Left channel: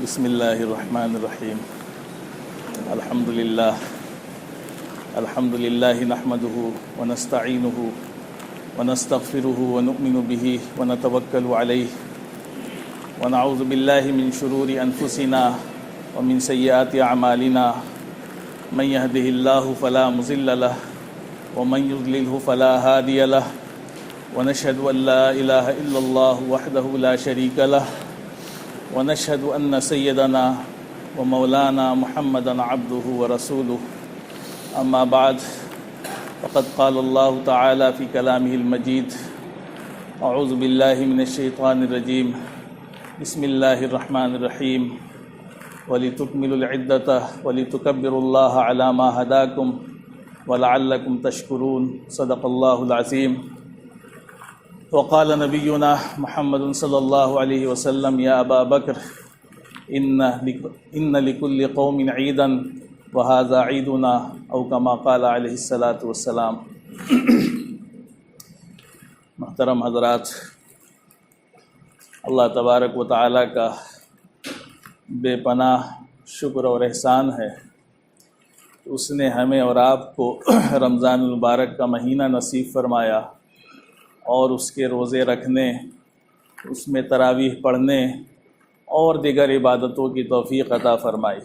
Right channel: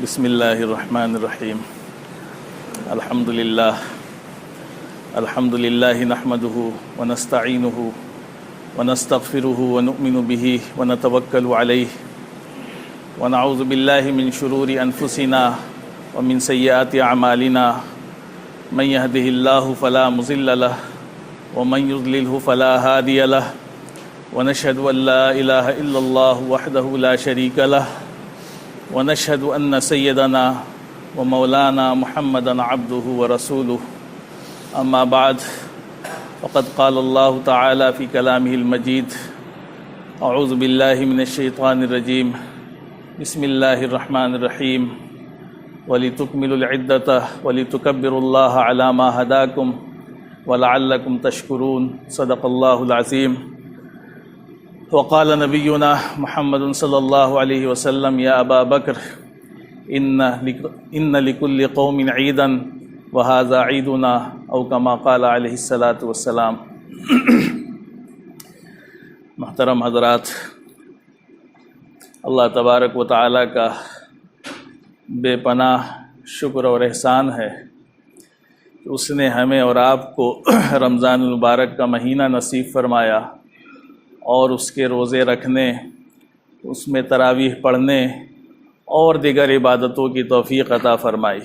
بسم اللہ الرحمن الرحیم الحمد للہ نحمده ونستعینه ونستغفره ونؤمن به ونتوکل علیہ ونعوذ باللہ من شرور انفسنا ومن سیئات اعمالنا من يهده اللہ فلا مضل له ومن يضلله فلا هادی له ونشهد ان لا الہ الا اللہ وحدہ لا شریک له ونشهد ان سیدنا ومولانا محمدا عبده ورسوله اما بعد فقد قال اللہ تعالی فی کلامہ المجید اعوذ باللہ من الشیطان الرجیم بسم اللہ الرحمن الرحیم وَلِتُكْمِلُوا الْعِدَّةَ وَلِتُكَبِّرُوا اللَّهَ عَلَى مَا هَدَاكُمْ وَلَعَلَّكُمْ تَشْكُرُونَ صدق اللہ العظیم وقال نبینا محمد صلی اللہ علیہ وسلم یا ابا بکر ان لکل قوم عیدا وهذا عیدنا او کما قال علیہ الصلاۃ والسلام۔ محترم حضرات، اللہ تبارک و تعالیٰ کا بے پناہ شکر اور احسان ہے کہ اس نے ہمیں اور آپ کو رمضان المبارک کا مہینہ نصیب فرمایا اور اس کے روزے رکھنے، اس میں تراویح پڑھنے اور دیگر عبادتوں کی توفیق عطا فرمائی۔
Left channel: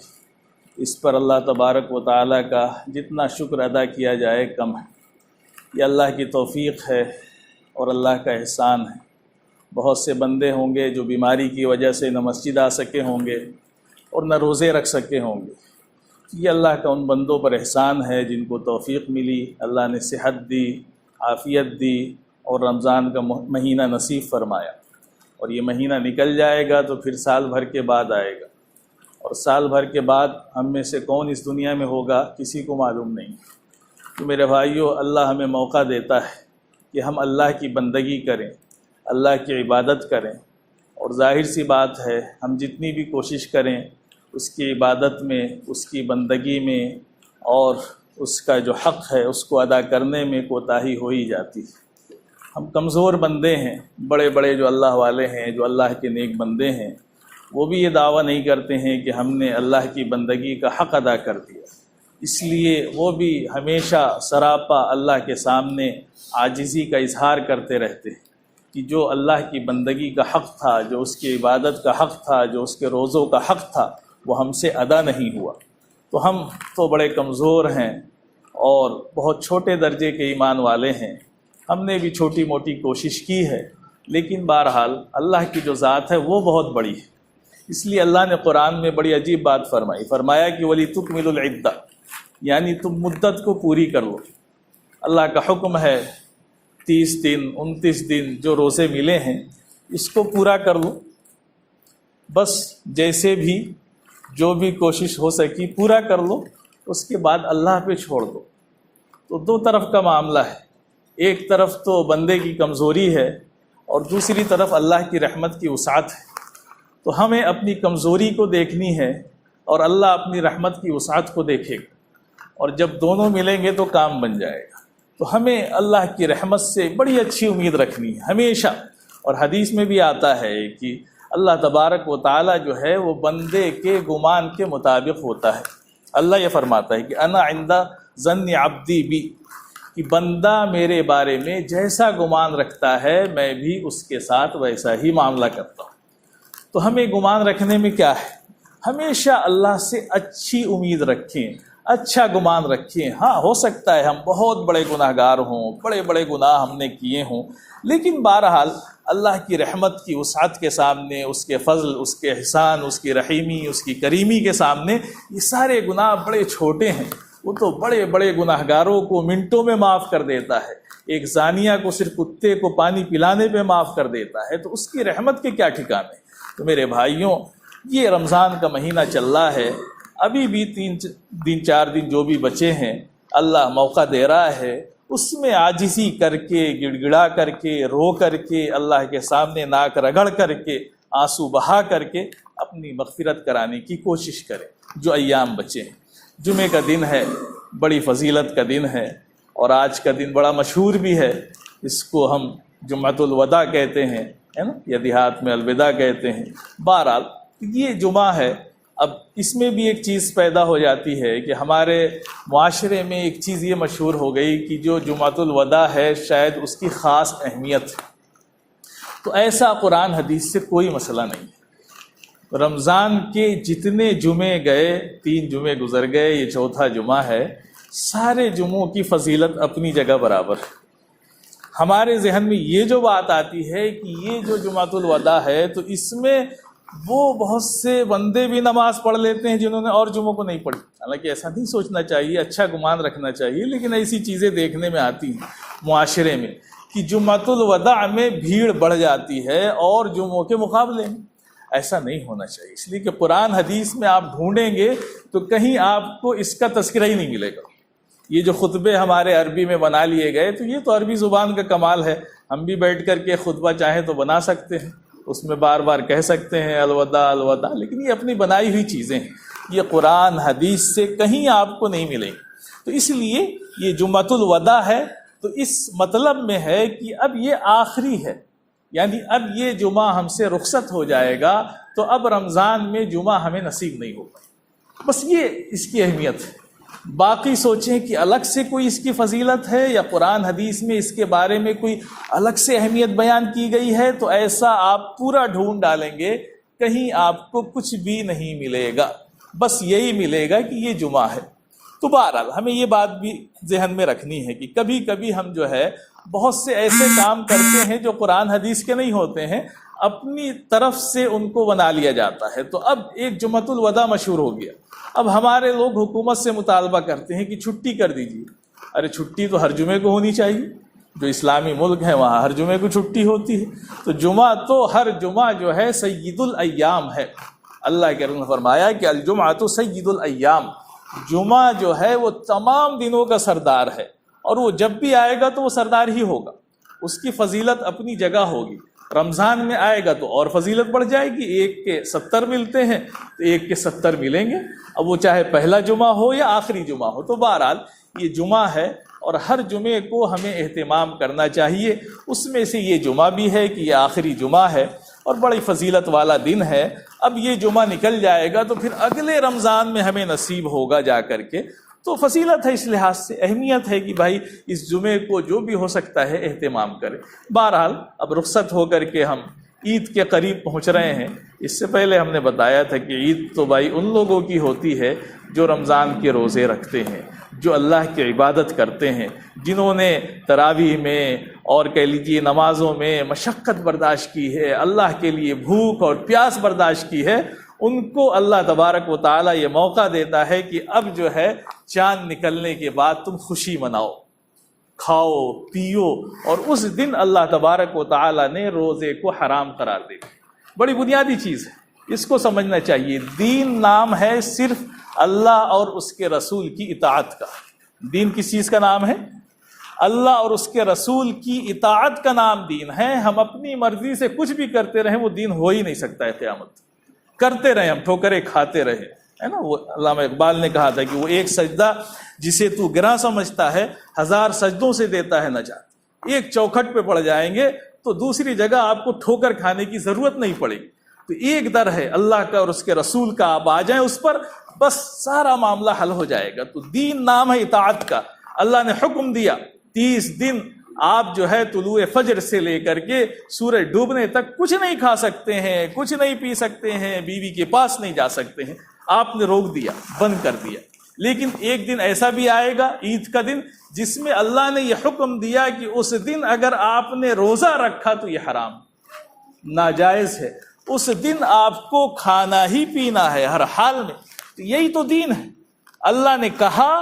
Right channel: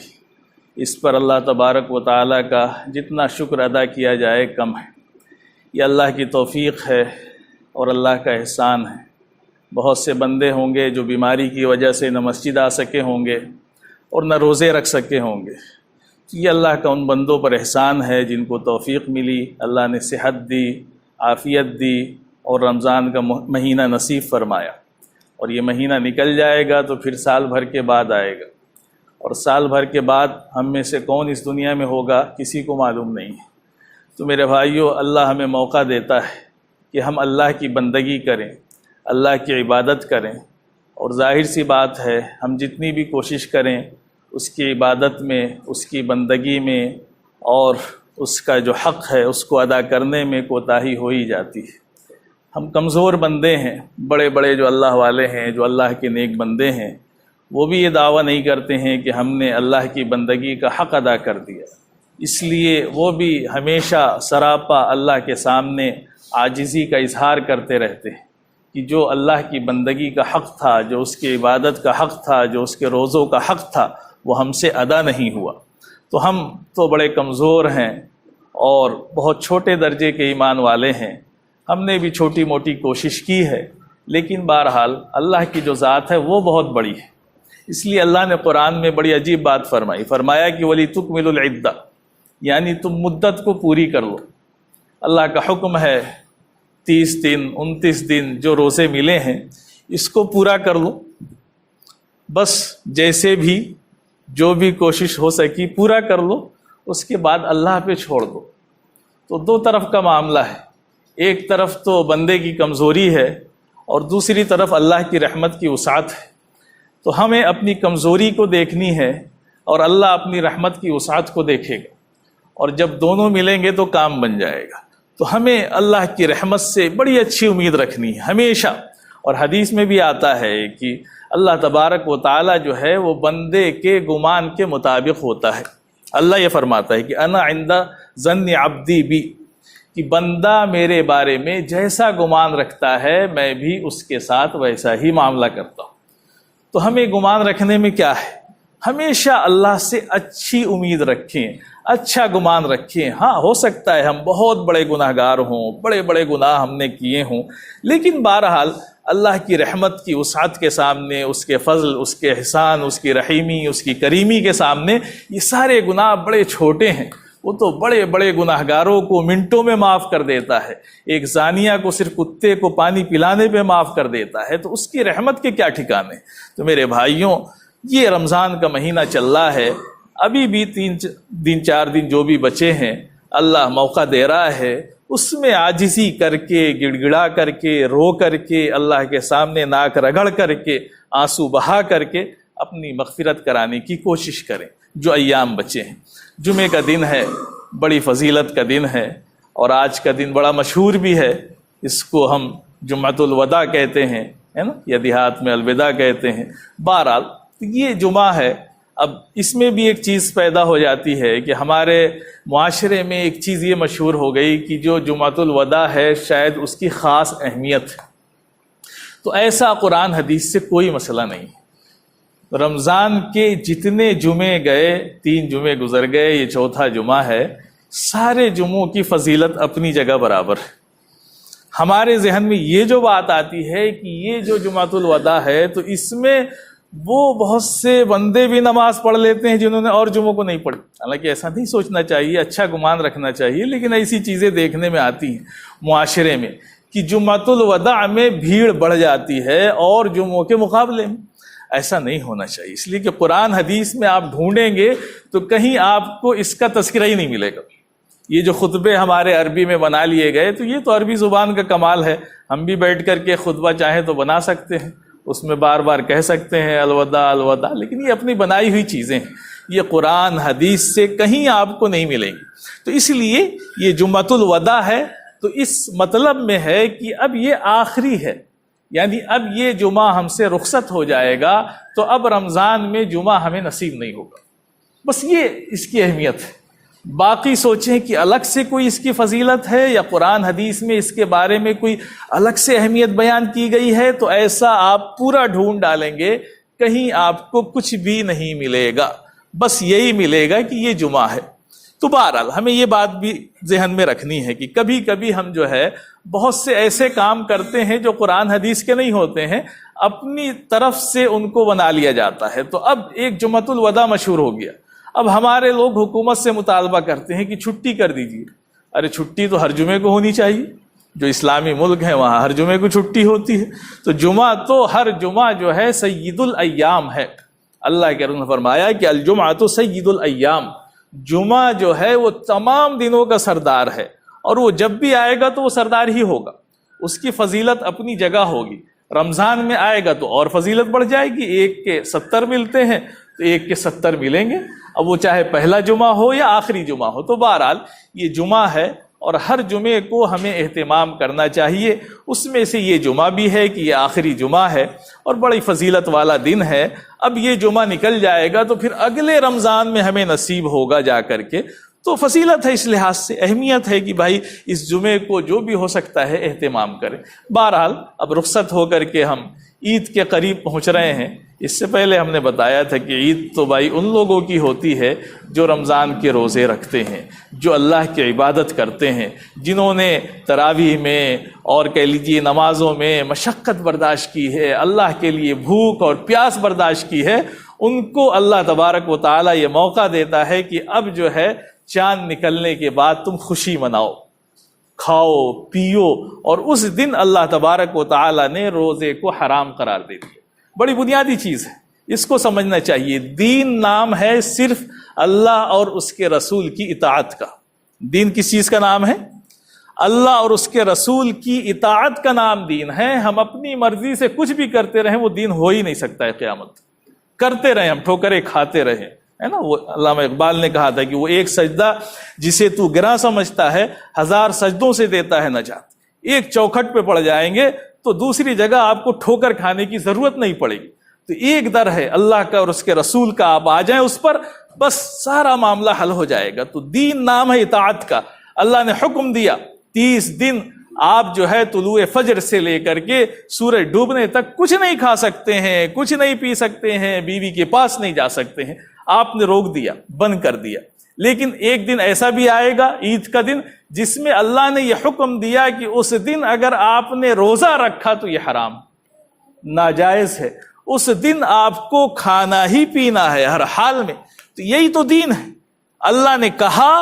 اس پر اللہ تبارک و تعالیٰ کا جتنا شکر ادا کیا جائے کم ہے۔ یہ اللہ کی توفیق ہے اور اللہ کا احسان ہے۔ بہت سے بندے ہوں گے جو بیماری کی وجہ سے نہ مسجد آ سکے ہوں گے اور نہ روزے رکھ سکے ہوں گے۔ یہ اللہ کا ان بندوں پر احسان ہے جن کو توفیق ملی، اللہ نے صحت دی، عافیت دی اور رمضان کا مہینہ نصیب فرمایا۔ اور یہ مہینہ نکل جائے گا تو پھر سال بھر کے بعد آئے گا، اور سال بھر کے بعد ہم میں سے کون اس دنیا میں ہوگا کسی کو معلوم نہیں۔ تو میرے بھائیو، اللہ ہمیں موقع دیتا ہے کہ ہم اللہ کی بندگی کریں، اللہ کی عبادت کریں، اور ظاہر سی بات ہے ہم جتنی بھی کوشش کریں اس کی عبادت میں، اس کی بندگی میں اور اس کا جو حق ہے اس کو ادا کرنے میں کوتاہی ہو ہی جاتی ہے۔ ہم کمزور بندے ہیں۔ بڑے بڑے جو اللہ والے ہیں، جو اللہ کے نیک بندے ہیں، وہ بھی یہ دعویٰ نہیں کرتے ہیں کہ ہم نے اللہ کی بندگی کا حق ادا کر دیا، اس لیے وہ بھی ہمیشہ سراپا اللہ کے سامنے عاجزی کا اظہار کرتے رہتے ہیں کہ جو اللہ کی بندگی کا حق تھا، جو اس کی عبادت کا حق تھا، جو اس کے روزوں کا حق تھا، وہ ہم سے ادا نہیں ہوا۔ تو ہم تو بڑے کمزور ہیں اور بہت چھوٹے درجے کے ایمان والے ہیں۔ ہم نے بھی چھوٹی موٹی کوشش کی ہے، لیکن بہرحال اللہ کی جو ذات ہے وہ بہت بڑی ہے۔ اس لیے اللہ نے قرآن میں بڑی عجیب بات فرمایا کہ وَلِتُكْمِلُوا الْعِدَّةَ، یعنی تم مدت کو پوری کر لو۔ اللہ کا حکم ہے 30 دن 29 دن جو روزے ملے ہیں اس کو پورا کر لو، بس جیسے بھی جو بھی کوشش ہو سکی پورا کر لو، اس کے بعد اللہ پہ چھوڑ دو۔ تو دو طرف کا معاملہ ہے، ایک طرف تو بندے کی کمزوری ہے اور دوسری طرف اللہ کی رحمت کی وسعت ہے۔ تو ہمیں اپنی کمزوری کو دیکھنی ہے اور اللہ اپنی رحمت کی وسعت کو دیکھے گا، اور جب دونوں ملیں گے تو کام بن جائے گا۔ تو ہمیں اللہ کی رحمت سے بڑی اچھی امید رکھنی ہے ہمیشہ۔ اور حدیث میں بھی آتا ہے کہ اللہ تبارک و تعالی جو ہے وہ بندے کے گمان کے مطابق ہوتا ہے۔ اللہ یہ فرماتا ہے کہ انا عند ظن عبدی بی، کہ بندہ میرے بارے میں جیسا گمان رکھتا ہے میں بھی اس کے ساتھ ویسا ہی معاملہ کرتا ہوں۔ تو ہمیں گمان رکھنے میں کیا ہے؟ ہمیشہ اللہ سے اچھی امید رکھیں، اچھا گمان رکھیں۔ ہاں، ہو سکتا ہے ہم بہت بڑے گناہ گار ہوں، بڑے بڑے گناہ ہم نے کیے ہوں، لیکن بہرحال اللہ کی رحمت کی وسعت کے سامنے، اس کے فضل، اس کے احسان، اس کی رحیمی، اس کی کریمی کے سامنے یہ سارے گناہ بڑے چھوٹے ہیں۔ وہ تو بڑے بڑے گناہ گاروں کو منٹوں میں معاف کر دیتا ہے، ایک زانیہ کو صرف کتے کو پانی پلانے پہ معاف کر دیتا ہے، تو اس کی رحمت کے کیا ٹھکانے۔ تو میرے بھائیوں، یہ رمضان کا مہینہ چل رہا ہے، ابھی بھی 3-4 دن جو بھی بچے ہیں اللہ موقع دے رہا ہے، اس میں عاجزی کر کے، گڑ گڑا کر کے، رو کر کے، اللہ کے سامنے ناک رگڑ کر کے، آنسو بہا کر کے اپنی مغفرت کرانے کی کوشش کریں۔ جو ایام بچے ہیں، جمعے کا دن ہے، بڑی فضیلت کا دن ہے، اور آج کا دن بڑا مشہور بھی ہے، اس کو ہم جمعۃ الوداع کہتے ہیں، ہے نا، یا دیہات میں الوداع کہتے ہیں۔ بہرحال یہ جمعہ ہے۔ اب اس میں بھی ایک چیز پیدا ہو جاتی ہے کہ ہمارے معاشرے میں ایک چیز یہ مشہور ہو گئی کہ جو جمعۃ الوداع ہے شاید اس کی خاص اہمیت ہے، تو ایسا قرآن حدیث سے کوئی مسئلہ نہیں۔ رمضان کے جتنے جمعے گئے، 3 جمعے گزر گئے، یہ چوتھا جمعہ ہے، سارے جمعوں کی فضیلت اپنی جگہ برابر۔ ہمارے ذہن میں یہ جو بات آتی ہے کہ یہ جو جمعۃ الوداع ہے تو اس میں وہ بہت سے بندے بھی نماز پڑھ لیتے ہیں جنہوں نے اور جمعوں کو نہیں پڑھی۔ حالانکہ ایسا نہیں سوچنا چاہیے، اچھا گمان رکھنا چاہیے، لیکن ایسی چیزیں دیکھنے میں آتی ہیں معاشرے میں کہ جمعۃ الوداع میں بھیڑ بڑھ جاتی ہے اور جمعوں کے مقابلے میں۔ ایسا نہیں ہونا چاہیے، اس لیے کہ قرآن حدیث میں آپ ڈھونڈیں گے تو کہیں آپ کو اس کا تذکرہ ہی نہیں ملے گا۔ یہ جو خطبے ہمارے عربی میں بنا لیے گئے تو یہ تو عربی زبان کا کمال ہے، ہم بھی بیٹھ کر کے خطبہ چاہیں تو بنا سکتے ہیں، اس میں بار بار کہہ سکتے ہیں الوداع الوداع، لیکن یہ اپنی بنائی ہوئی چیزیں ہیں، یہ قرآن حدیث سے کہیں آپ کو نہیں ملیں گی۔ تو اس لیے یہ جمعۃ الوداع ہے تو اس مطلب میں ہے کہ اب یہ آخری ہے، یعنی اب یہ جمعہ ہم سے رخصت ہو جائے گا تو اب رمضان میں جمعہ ہمیں نصیب نہیں ہوگا۔ بس یہ اس کی اہمیت ہے۔ باقی سوچیں کہ الگ سے کوئی اس کی فضیلت ہے یا قرآن حدیث میں اس کے بارے میں کوئی الگ سے اہمیت بیان کی گئی ہے تو ایسا آپ پورا ڈھونڈ ڈالیں گے، کہیں آپ کو کچھ بھی نہیں ملے گا، بس یہی ملے گا کہ یہ جمعہ ہے۔ تو بہرحال ہمیں یہ بات بھی ذہن میں رکھنی ہے کہ کبھی کبھی ہم جو ہے بہت سے ایسے کام کرتے ہیں جو قرآن حدیث کے نہیں ہوتے ہیں، اپنی طرف سے ان کو بنا لیا جاتا ہے۔ تو اب ایک جمعۃ الوداع مشہور ہو گیا، اب ہمارے لوگ حکومت سے مطالبہ کرتے ہیں کہ چھٹی کر دیجیے۔ ارے چھٹی تو ہر جمعے کو ہونی چاہیے، جو اسلامی ملک ہے وہاں ہر جمعے کو چھٹی ہوتی ہے، تو جمعہ تو ہر جمعہ جو ہے سید الایام ہے۔ اللہ کے رسول نے فرمایا کہ الجمعۃ سید الایام، جمعہ جو ہے وہ تمام دنوں کا سردار ہے، اور وہ جب بھی آئے گا تو وہ سردار ہی ہوگا، اس کی فضیلت اپنی جگہ ہوگی۔ رمضان میں آئے گا تو اور فضیلت بڑھ جائے گی، 1 کے 70 ملتے ہیں تو 1 کے 70 ملیں گے، اب وہ چاہے پہلا جمعہ ہو یا آخری جمعہ ہو۔ تو بہرحال یہ جمعہ ہے اور ہر جمعے کو ہمیں اہتمام کرنا چاہیے۔ اس میں سے یہ جمعہ بھی ہے کہ یہ آخری جمعہ ہے اور بڑی فضیلت والا دن ہے۔ اب یہ جمعہ نکل جائے گا تو پھر اگلے رمضان میں ہمیں نصیب ہوگا جا کر کے، تو فضیلت ہے، اس لحاظ سے اہمیت ہے کہ بھائی اس جمعے کو جو بھی ہو سکتا ہے اہتمام کریں۔ بہرحال اب رخصت ہو کر کے ہم عید کے قریب پہنچ رہے ہیں۔ اس سے پہلے ہم نے بتایا تھا کہ عید تو بھائی ان لوگوں کی ہوتی ہے جو رمضان کے روزے رکھتے ہیں، جو اللہ کی عبادت کرتے ہیں، جنہوں نے تراویح میں اور کہہ لیجیے نمازوں میں مشقت برداشت کی ہے، اللہ کے لیے بھوک اور پیاس برداشت کی ہے، ان کو اللہ تبارک و تعالیٰ یہ موقع دیتا ہے کہ اب جو ہے چاند نکلنے کے بعد تم خوشی مناؤ، کھاؤ پیو، اور اس دن اللہ تبارک و تعالیٰ نے روزے کو حرام قرار دے دیا۔ بڑی بنیادی چیز ہے، اس کو سمجھنا چاہیے۔ دین نام ہے صرف اللہ اور اس کے رسول کی اطاعت کا۔ دین کس چیز کا نام ہے؟ اللہ اور اس کے رسول کی اطاعت کا نام دین ہے۔ ہم اپنی مرضی سے کچھ بھی کرتے رہیں وہ دین ہو ہی نہیں سکتا ہے۔ قیامت کرتے رہیں، ہم ٹھوکریں کھاتے رہیں، ہے نا۔ وہ علامہ اقبال نے کہا تھا کہ وہ ایک سجدہ جسے تو گراں سمجھتا ہے 1000 سجدوں سے دیتا ہے نجات۔ ایک چوکھٹ پہ پڑ جائیں گے تو دوسری جگہ آپ کو ٹھوکر کھانے کی ضرورت نہیں پڑے گی۔ تو ایک در ہے اللہ کا اور اس کے رسول کا، آپ آ جائیں اس پر، بس سارا معاملہ حل ہو جائے گا۔ تو دین نام ہے اطاعت کا۔ اللہ نے حکم دیا 30 دن آپ جو ہے طلوع فجر سے لے کر کے سورج ڈوبنے تک کچھ نہیں کھا سکتے ہیں، کچھ نہیں پی سکتے ہیں، بیوی کے پاس نہیں جا سکتے ہیں۔ آپ نے روک دیا، بند کر دیا۔ لیکن ایک دن ایسا بھی آئے گا، عید کا دن، جس میں اللہ نے یہ حکم دیا کہ اس دن اگر آپ نے روزہ رکھا تو یہ حرام، ناجائز ہے۔ اس دن آپ کو کھانا ہی پینا ہے ہر حال میں۔ تو یہی تو دین ہے۔ اللہ نے کہا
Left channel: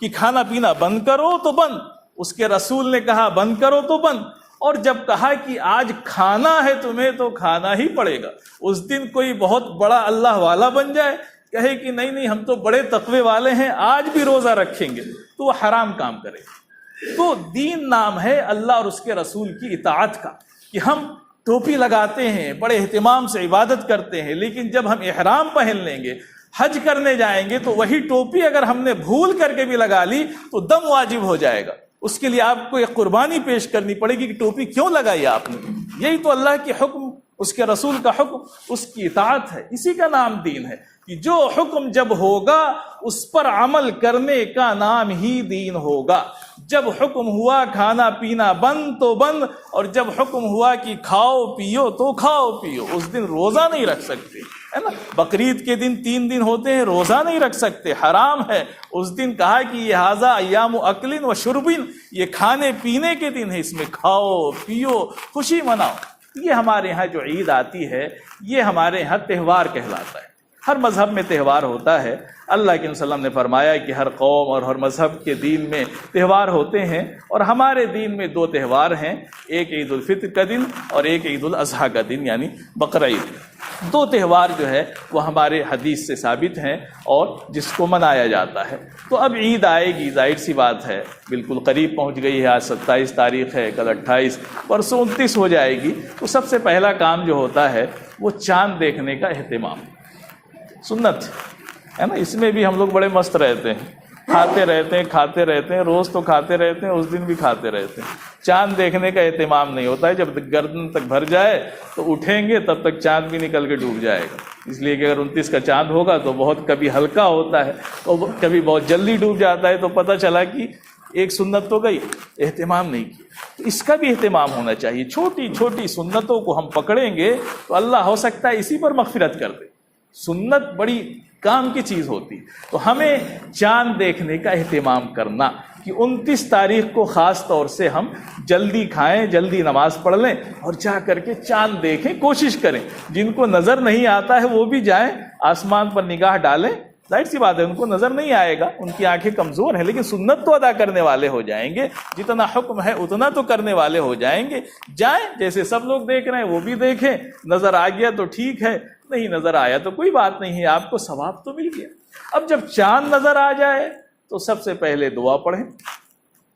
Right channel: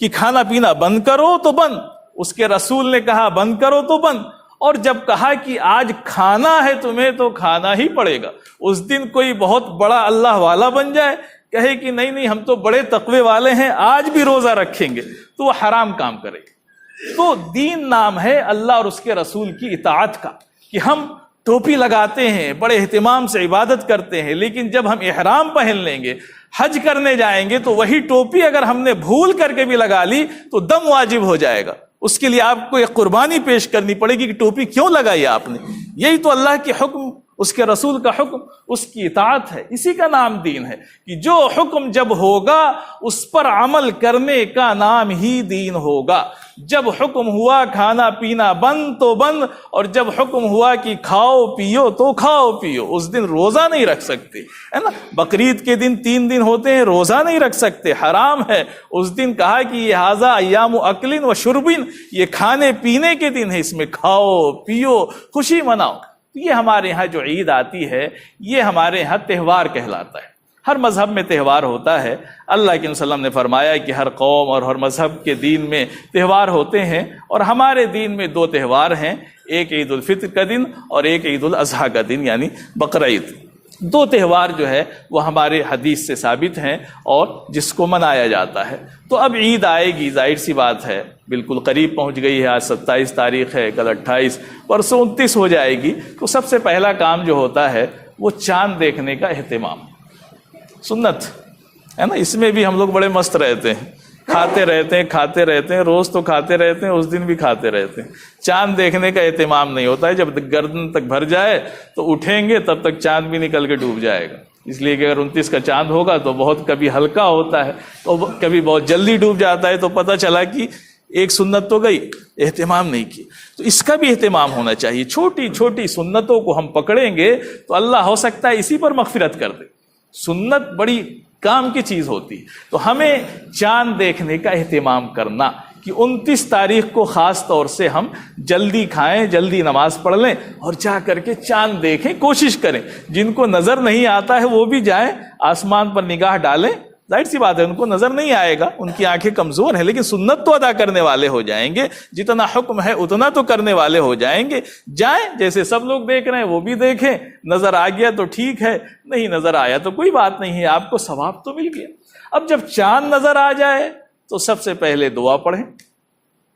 کہ کھانا پینا بند کرو تو بند، اس کے رسول نے کہا بند کرو تو بند، اور جب کہا کہ آج کھانا ہے تمہیں تو کھانا ہی پڑے گا۔ اس دن کوئی بہت بڑا اللہ والا بن جائے، کہے کہ نہیں ہم تو بڑے تقوی والے ہیں، آج بھی روزہ رکھیں گے، تو وہ حرام کام کرے گا۔ تو دین نام ہے اللہ اور اس کے رسول کی اطاعت کا، کہ ہم ٹوپی لگاتے ہیں، بڑے اہتمام سے عبادت کرتے ہیں، لیکن جب ہم احرام پہن لیں گے، حج کرنے جائیں گے، تو وہی ٹوپی اگر ہم نے بھول کر کے بھی لگا لی تو دم واجب ہو جائے گا۔ اس کے لیے آپ کو ایک قربانی پیش کرنی پڑے گی کہ ٹوپی کیوں لگائی آپ نے؟ یہی تو اللہ کے حکم، اس کے رسول کا حکم، اس کی اطاعت ہے، اسی کا نام دین ہے کہ جو حکم جب ہوگا اس پر عمل کرنے کا نام ہی دین ہوگا۔ جب حکم ہوا کھانا پینا بند تو بند، اور جب حکم ہوا کہ کھاؤ پیو تو کھاؤ پیو۔ اس دن روزہ نہیں رکھ سکتے، ہے نا، بقرعید کے دن 3 دن ہوتے ہیں، روزہ نہیں رکھ سکتے، حرام ہے۔ اس دن کہا کہ یہ ھذا ایام اکل و شرب، یہ کھانے پینے کے دن ہے، اس میں کھاؤ پیو خوشی مناؤ۔ یہ ہمارے ہاں جو عید آتی ہے یہ ہمارے ہاں تہوار کہلاتا ہے۔ ہر مذہب میں تہوار ہوتا ہے۔ اللہ کے وسلم نے فرمایا کہ ہر قوم اور ہر مذہب کے دین میں تہوار ہوتے ہیں، اور ہمارے دین میں 2 تہوار ہیں، ایک عید الفطر کا دن اور ایک عید الاضحیٰ کا دن یعنی بقرعید۔ 2 تہوار جو ہے وہ ہمارے حدیث سے ثابت ہیں اور جس کو منایا جاتا ہے۔ تو اب عید آئے گی، ظاہر سی بات ہے، بالکل قریب پہنچ گئی ہے۔ آج 27 تاریخ ہے، کل 28، پرسوں 29 ہو جائے گی۔ تو سب سے پہلا کام جو ہوتا ہے وہ چاند دیکھنے کا اہتمام، سنت ہے نا۔ اس میں بھی ہم لوگ بڑے مست رہتے ہیں، کھاتے رہتے ہیں، روز تو کھاتے رہتے ہیں، اس دن بھی کھاتے رہتے ہیں۔ چاند دیکھنے کا اہتمام نہیں ہوتا ہے۔ جب گردن تک بھر جائے تو اٹھیں گے، تب تک چاند بھی نکل کے ڈوب جائے گا۔ اس لیے کہ اگر 29 کا چاند ہوگا تو بہت کبھی ہلکا ہوتا ہے اور کبھی بہت جلدی ڈوب جاتا ہے، تو پتہ چلا کہ ایک سنت تو گئی، اہتمام نہیں کیا۔ تو اس کا بھی اہتمام ہونا چاہیے۔ چھوٹی چھوٹی سنتوں کو ہم پکڑیں گے تو اللہ ہو سکتا ہے اسی پر مغفرت کر دے۔ سنت بڑی کام کی چیز ہوتی ہے۔ تو ہمیں چاند دیکھنے کا اہتمام کرنا کہ 29 تاریخ کو خاص طور سے ہم جلدی کھائیں، جلدی نماز پڑھ لیں اور جا کر کے چاند دیکھیں، کوشش کریں۔ جن کو نظر نہیں آتا ہے وہ بھی جائیں، آسمان پر نگاہ ڈالیں۔ ظاہر سی بات ہے ان کو نظر نہیں آئے گا، ان کی آنکھیں کمزور ہیں، لیکن سنت تو ادا کرنے والے ہو جائیں گے۔ جتنا حکم ہے اتنا تو کرنے والے ہو جائیں گے۔ جائیں، جیسے سب لوگ دیکھ رہے ہیں وہ بھی دیکھیں۔ نظر آ گیا تو ٹھیک ہے، نہیں نظر آیا تو کوئی بات نہیں ہے، آپ کو ثواب تو مل گیا۔ اب جب چاند نظر آ جائے تو سب سے پہلے دعا پڑھیں،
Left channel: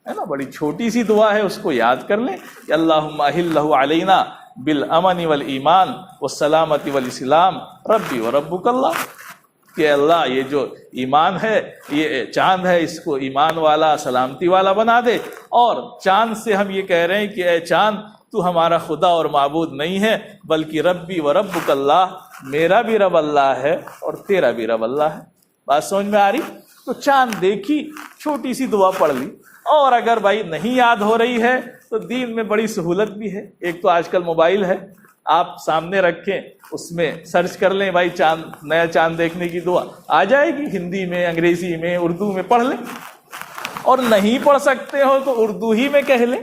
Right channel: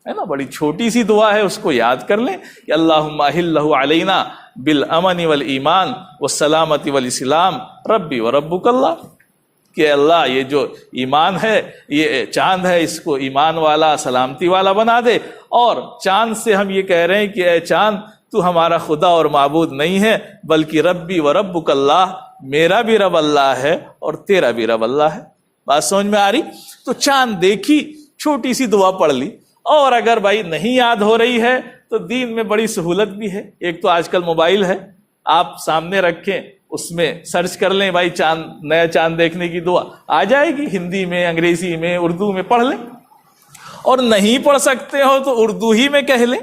ہے نا، بڑی چھوٹی سی دعا ہے، اس کو یاد کر لیں کہ اللہم احلہ علینا بالامن والایمان والسلامت والاسلام ربی وربک اللہ، کہ اللہ یہ جو ایمان ہے، یہ چاند ہے، اس کو ایمان والا، سلامتی والا بنا دے۔ اور چاند سے ہم یہ کہہ رہے ہیں کہ اے چاند تو ہمارا خدا اور معبود نہیں ہے، بلکہ ربی وربک اللہ، میرا بھی رب اللہ ہے اور تیرا بھی رب اللہ ہے۔ بات سمجھ میں آ رہی؟ تو چاند دیکھی، چھوٹی سی دعا پڑھ لی۔ اور اگر بھائی نہیں یاد ہو رہی ہے تو دین میں بڑی سہولت بھی ہے۔ ایک تو آج کل موبائل ہے، آپ سامنے رکھیں، اس میں سرچ کر لیں بھائی چاند، نیا چاند دیکھنے کی دعا آ جائے گی، ہندی میں، انگریزی میں، اردو میں پڑھ لیں۔ اور نہیں پڑھ سکتے ہو تو اردو ہی میں کہہ لیں،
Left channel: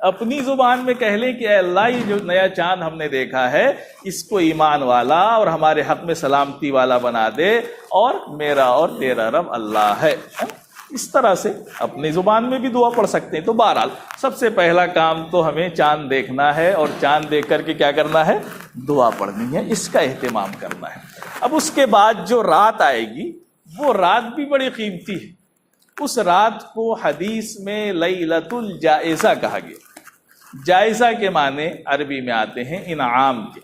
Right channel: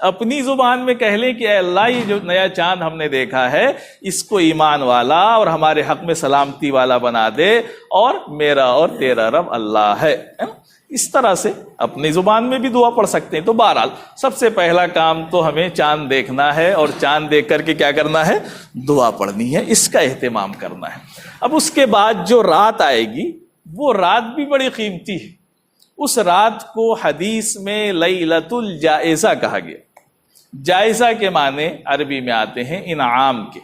اپنی زبان میں کہہ لیں کہ اے اللہ یہ جو نیا چاند ہم نے دیکھا ہے اس کو ایمان والا اور ہمارے حق میں سلامتی والا بنا دے، اور میرا اور تیرا رب اللہ ہے۔ اس طرح سے اپنی زبان میں بھی دعا پڑھ سکتے ہیں۔ تو بہرحال سب سے پہلا کام تو ہمیں چاند دیکھنا ہے، اور چاند دیکھ کر کے کیا کرنا ہے؟ دعا پڑھنی ہے، اس کا اہتمام کرنا ہے۔ اب اس کے بعد جو رات آئے گی وہ رات بھی بڑی قیمتی ہے۔ اس رات کو حدیث میں لیلۃ الجائزہ کہا گیا۔ جائزہ کے معنی عربی میں آتے ہیں انعام کے۔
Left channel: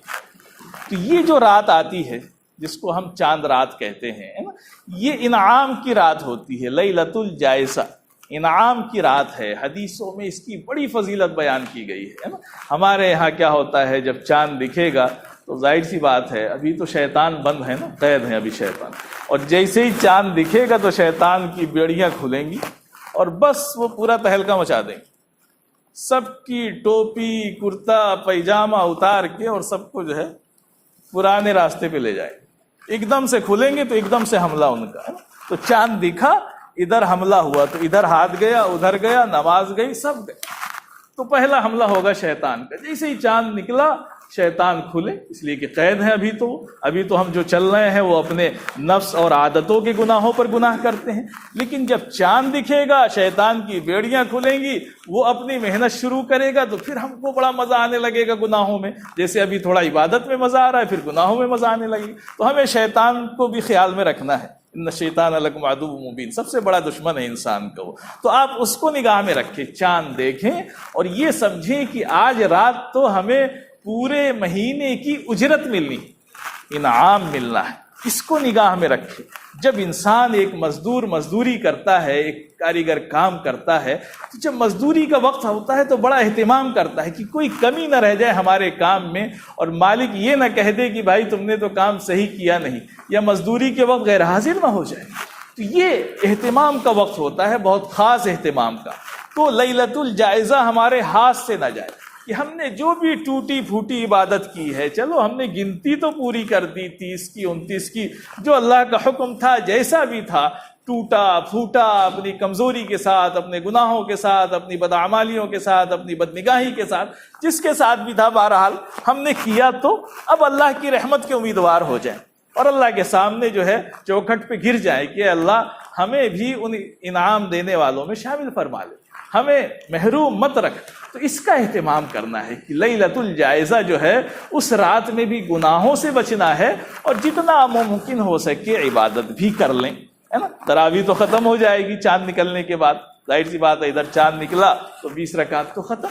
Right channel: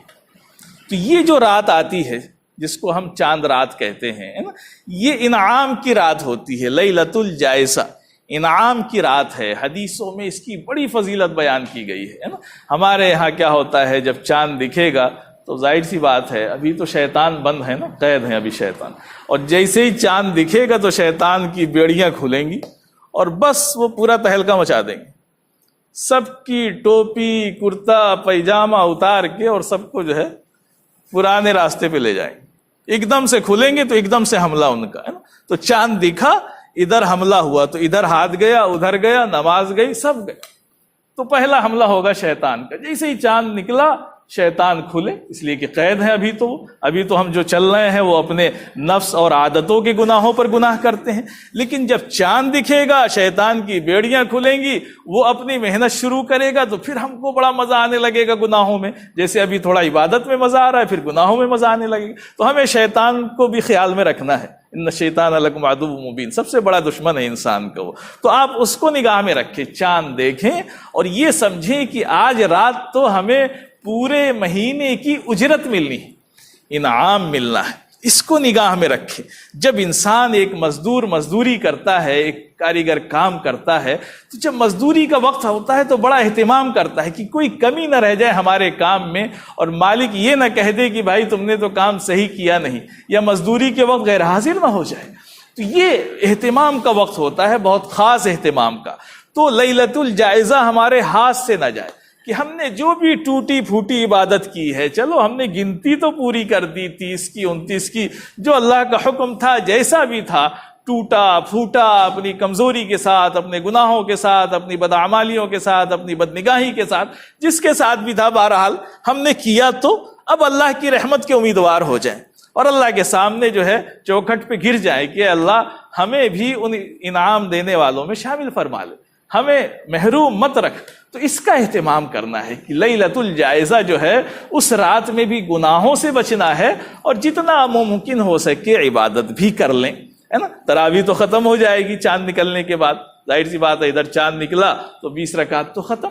تو یہ جو رات آتی ہے جس کو ہم چاند رات کہتے ہیں، یہ انعام کی رات ہوتی ہے، لیلۃ الجائزہ، انعام کی رات ہے۔ حدیثوں میں اس کی بڑی فضیلت بیان کی گئی ہے نا۔ ہمارے یہاں کیا ہوتا ہے، جب چاند دکھے گا تو ظاہر سی بات ہے ابھی تو شیطان بند ہے نا، قید ہے ابھی شیطان، اور جیسے ہی چاند دکھے گا تو شیطان کی بیڑیاں کھلیں گی اور بس وہ پورا تہلکہ مچا دیں گے۔ سب کی ٹوپی کرتا پیجامہ اتار کے اور سب کو جو ہے پرانے راستے پہ لے جائیں گے۔ ایک دم سے کھلیں گے تو ایک دم سے حملہ ان کا ہے نا۔ تو چاند دکھا، ادھر حملہ ہوا تو ادھر ہاتھ گیا، ادھر گیا، نماز گئی، سب گئے۔ تو پہلا حملہ ہوگا شیطان کا۔ جیسے ہی چاند نکلا شیطان کھلے، اس لیے کہ قید ہے ابھی تو ہم جو چل رہے ہیں وہ اپنے نفس اور عادتوں کے گناہوں پر گناہ کرتے ہیں۔ لیکن جب چاند دکھے گا شیطان کی بیڑیاں کھلیں گی، وہ اپنی محنت شروع کرے گا، تو پھر ہم کو بڑا مزہ آنے لگے گا گناہوں میں۔ جیسے ابھی تھوڑا عبادت میں مزہ آ رہا ہے، پھر گناہوں میں مزہ آنے لگے گا۔ تو ہمیں شیطان کو بھی خیال میں رکھنا ہے۔ ان الشیطان لکم عدو مبین، سب سے بڑا دشمن ہے انسان کا وہ۔ تو آپ اس کو نگاہ میں رکھیں، چاند دیکھیں اور یہ سمجھیں کہ آج رات تو ہمیں پورے مہینے کی اجرت ملنی، انعام ملنا ہے۔ اس کو نگاہ میں رکھے. جب انسان ایک مزدور مزدوری کرتا ہے، ایک کاریگر کام کرتا ہے، تو جب مزدوری کا وقت ہوتا ہے تو بڑا اہتمام کرتا ہے کہ کوئی کمی نہ رہ جائے ہمارے کام میں، اور مالک یہ نہ کہہ دے کہ بھائی تم نے تو کام صحیح کیا نہیں، یا مزدوری کے وقت غیر حاضر نہ ہو جائے. تو یہ اہتمام کا وقت ہوتا ہے، بہت خاص اہتمام کا. تو لیلۃ الجائزہ ہمارے ہاتھ سے نہ جائے کہ ہم نے جو بھی ٹوٹی پھوٹی عبادت کی ہے، چلو ہم نے گنتی تو پوری کر دی 30 کی 29 کی، جو اللہ کا حکم تھا جیسا بھی تھا، ٹوٹا پھوٹا اپنی کمزوری کے ساتھ، اپنے گناہوں کے ساتھ، اپنی بدعمالیوں کے ساتھ، اپنی بدنگاہی کے ساتھ، جس کے ساتھ بھی تھا، بہرحال ہم نے کیا. تو اب اللہ کی رحمت کے امیدوار ہو جائیں اور اللہ کے سامنے جو ہے چوکھٹ پہ گر جائیں کہ اللہ ہمیں بھی ان انعام دینے والوں میں شامل فرما لے، ہمیں محروم مت رکھ. تو اس کا اہتمام کرنا ہے کہ لیلۃ الجائزہ جو ہے اس رات میں بھی گناہوں سے بچنا ہے، اور جتنا ممکن ہو سکے عبادت بھی کر لیں، ہے نا. تراویح تو ختم ہو جائے گی چاند نکلنے کے بعد، ظاہر سی بات ہے ادھر چاند نکلا تو 20 رکعت تو ختم،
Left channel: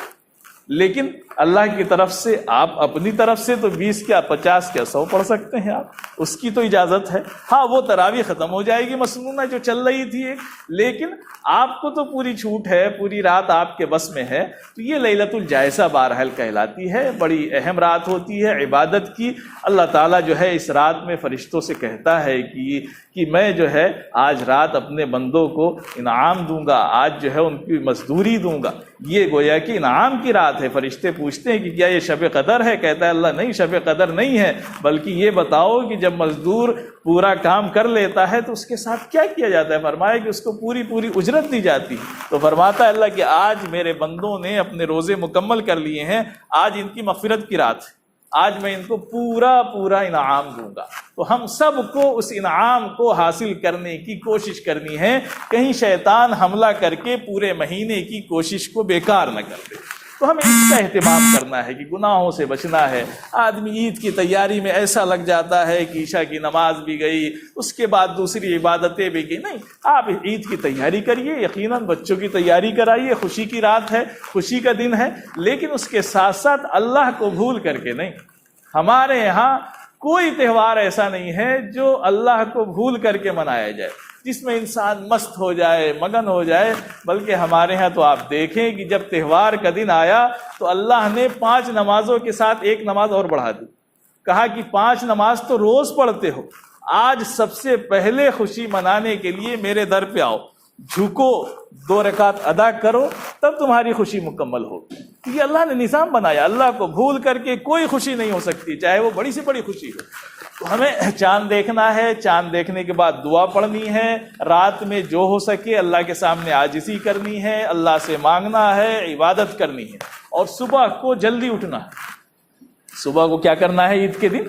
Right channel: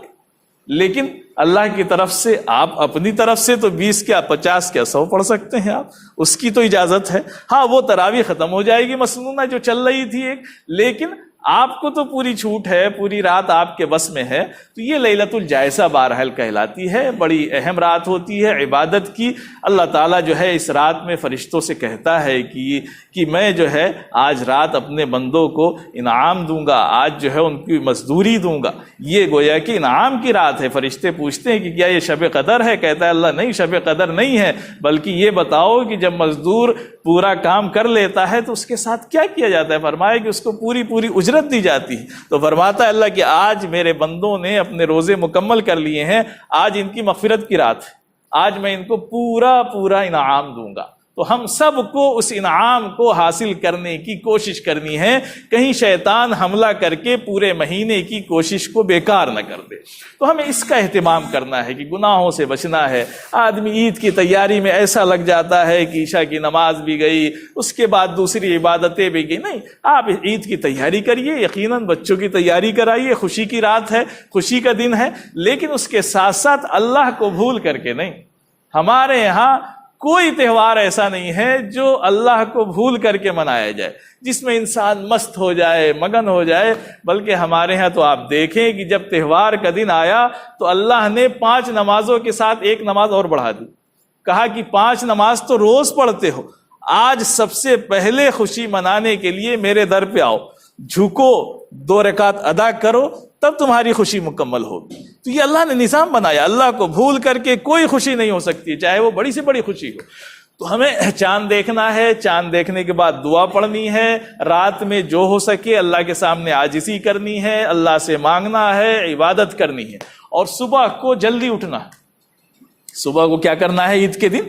لیکن اللہ کی طرف سے آپ اپنی طرف سے تو 20 کیا 50 کیا 100 پڑھ سکتے ہیں آپ، اس کی تو اجازت ہے. ہاں وہ تراویح ختم ہو جائے گی مسنونہ جو چل رہی تھی ایک، لیکن آپ کو تو پوری چھوٹ ہے، پوری رات آپ کے بس میں ہے. تو یہ لیلۃ الجائزہ بہرحال کہلاتی ہے، بڑی اہم رات ہوتی ہے عبادت کی. اللہ تعالیٰ جو ہے اس رات میں فرشتوں سے کہتا ہے کہ میں جو ہے آج رات اپنے بندوں کو انعام دوں گا، آج جو ہے ان کی مزدوری دوں گا. یہ گویا کہ انعام کی رات ہے. فرشتے پوچھتے ہیں کہ کیا یہ شب قدر ہے؟ کہتا ہے اللہ نہیں، شب قدر نہیں ہے، بلکہ یہ بتاؤ کہ جب مزدور پورا کام کر لیتا ہے تو اس کے ساتھ کیا کیا جاتا ہے؟ فرمایا کہ اس کو پوری اجرت دی جاتی ہے. تو فرماتا ہے اللہ کہ آج میرے بندوں نے اپنے روزے مکمل کر لیے ہیں، آج ان کی مغفرت کی رات ہے، آج میں ان کو پورا انعام دوں گا. تو ہم سب کو اس انعام کو حاصل کرنے کی کوشش کرنی ہے، کہیں شیطان حملہ کر کے پورے مہینے کی کوشش کو بیکار نہ کر دے. تو ہمیں اس کا اہتمام کرنا ہے کہ گناہوں سے بچنا ہے. آدمی عید کی تیاری میں ایسا لگ جاتا ہے کہ عشاء کی نماز بھی گئی، اس کے بعد دوسری عبادتیں بھی گئی. نہیں، آپ عید کی تیاری کریے، یقیناً بچوں کی تیاری کرائیے، خوشی کی رات ہے، خوشی کا دن ہے، لیکن اس کے ساتھ ساتھ اللہ کو بھول کر کے نہیں. ہمارے یہاں کوئی تہوار ایسا نہیں ہے جو اللہ کو بھول کر کے منایا جائے، جس میں انسان مست ہو جائے، مگن ہو جائے. بلکہ ہمارے ہاں تو آپ دیکھیں کہ جب تہوار کا دن آیا تو اللہ نے 5 نمازوں کے ساتھ ایک نماز اور بڑھا دی. کہا کہ 5 نماز تو روز پڑھتے ہو، آج سب سے پہلے خوشی منانے کے لیے میرے در پہ آؤ، جھکو، 2 رکعت ادا کرو، تب تمہاری خوشی مکمل ہوگی. تو یہ اللہ نے نظام بنایا. اللہ کو بھول کر کے کوئی خوشی نہیں ہو سکتی، چاہے وہ بڑی سے بڑی خوشی ہو. تو ہمیں چاند دیکھنا ہے، چاند دیکھنے کے بعد دعا پڑھنی ہے، رات میں جو ہو سکے اللہ کے سامنے عاجزی کرنی ہے، اللہ سے مانگنا ہے، عبادت کرنی ہے. اور صبح کو جلدی اٹھنا. صبح کو کیا کرنا ہے؟ عید کے دن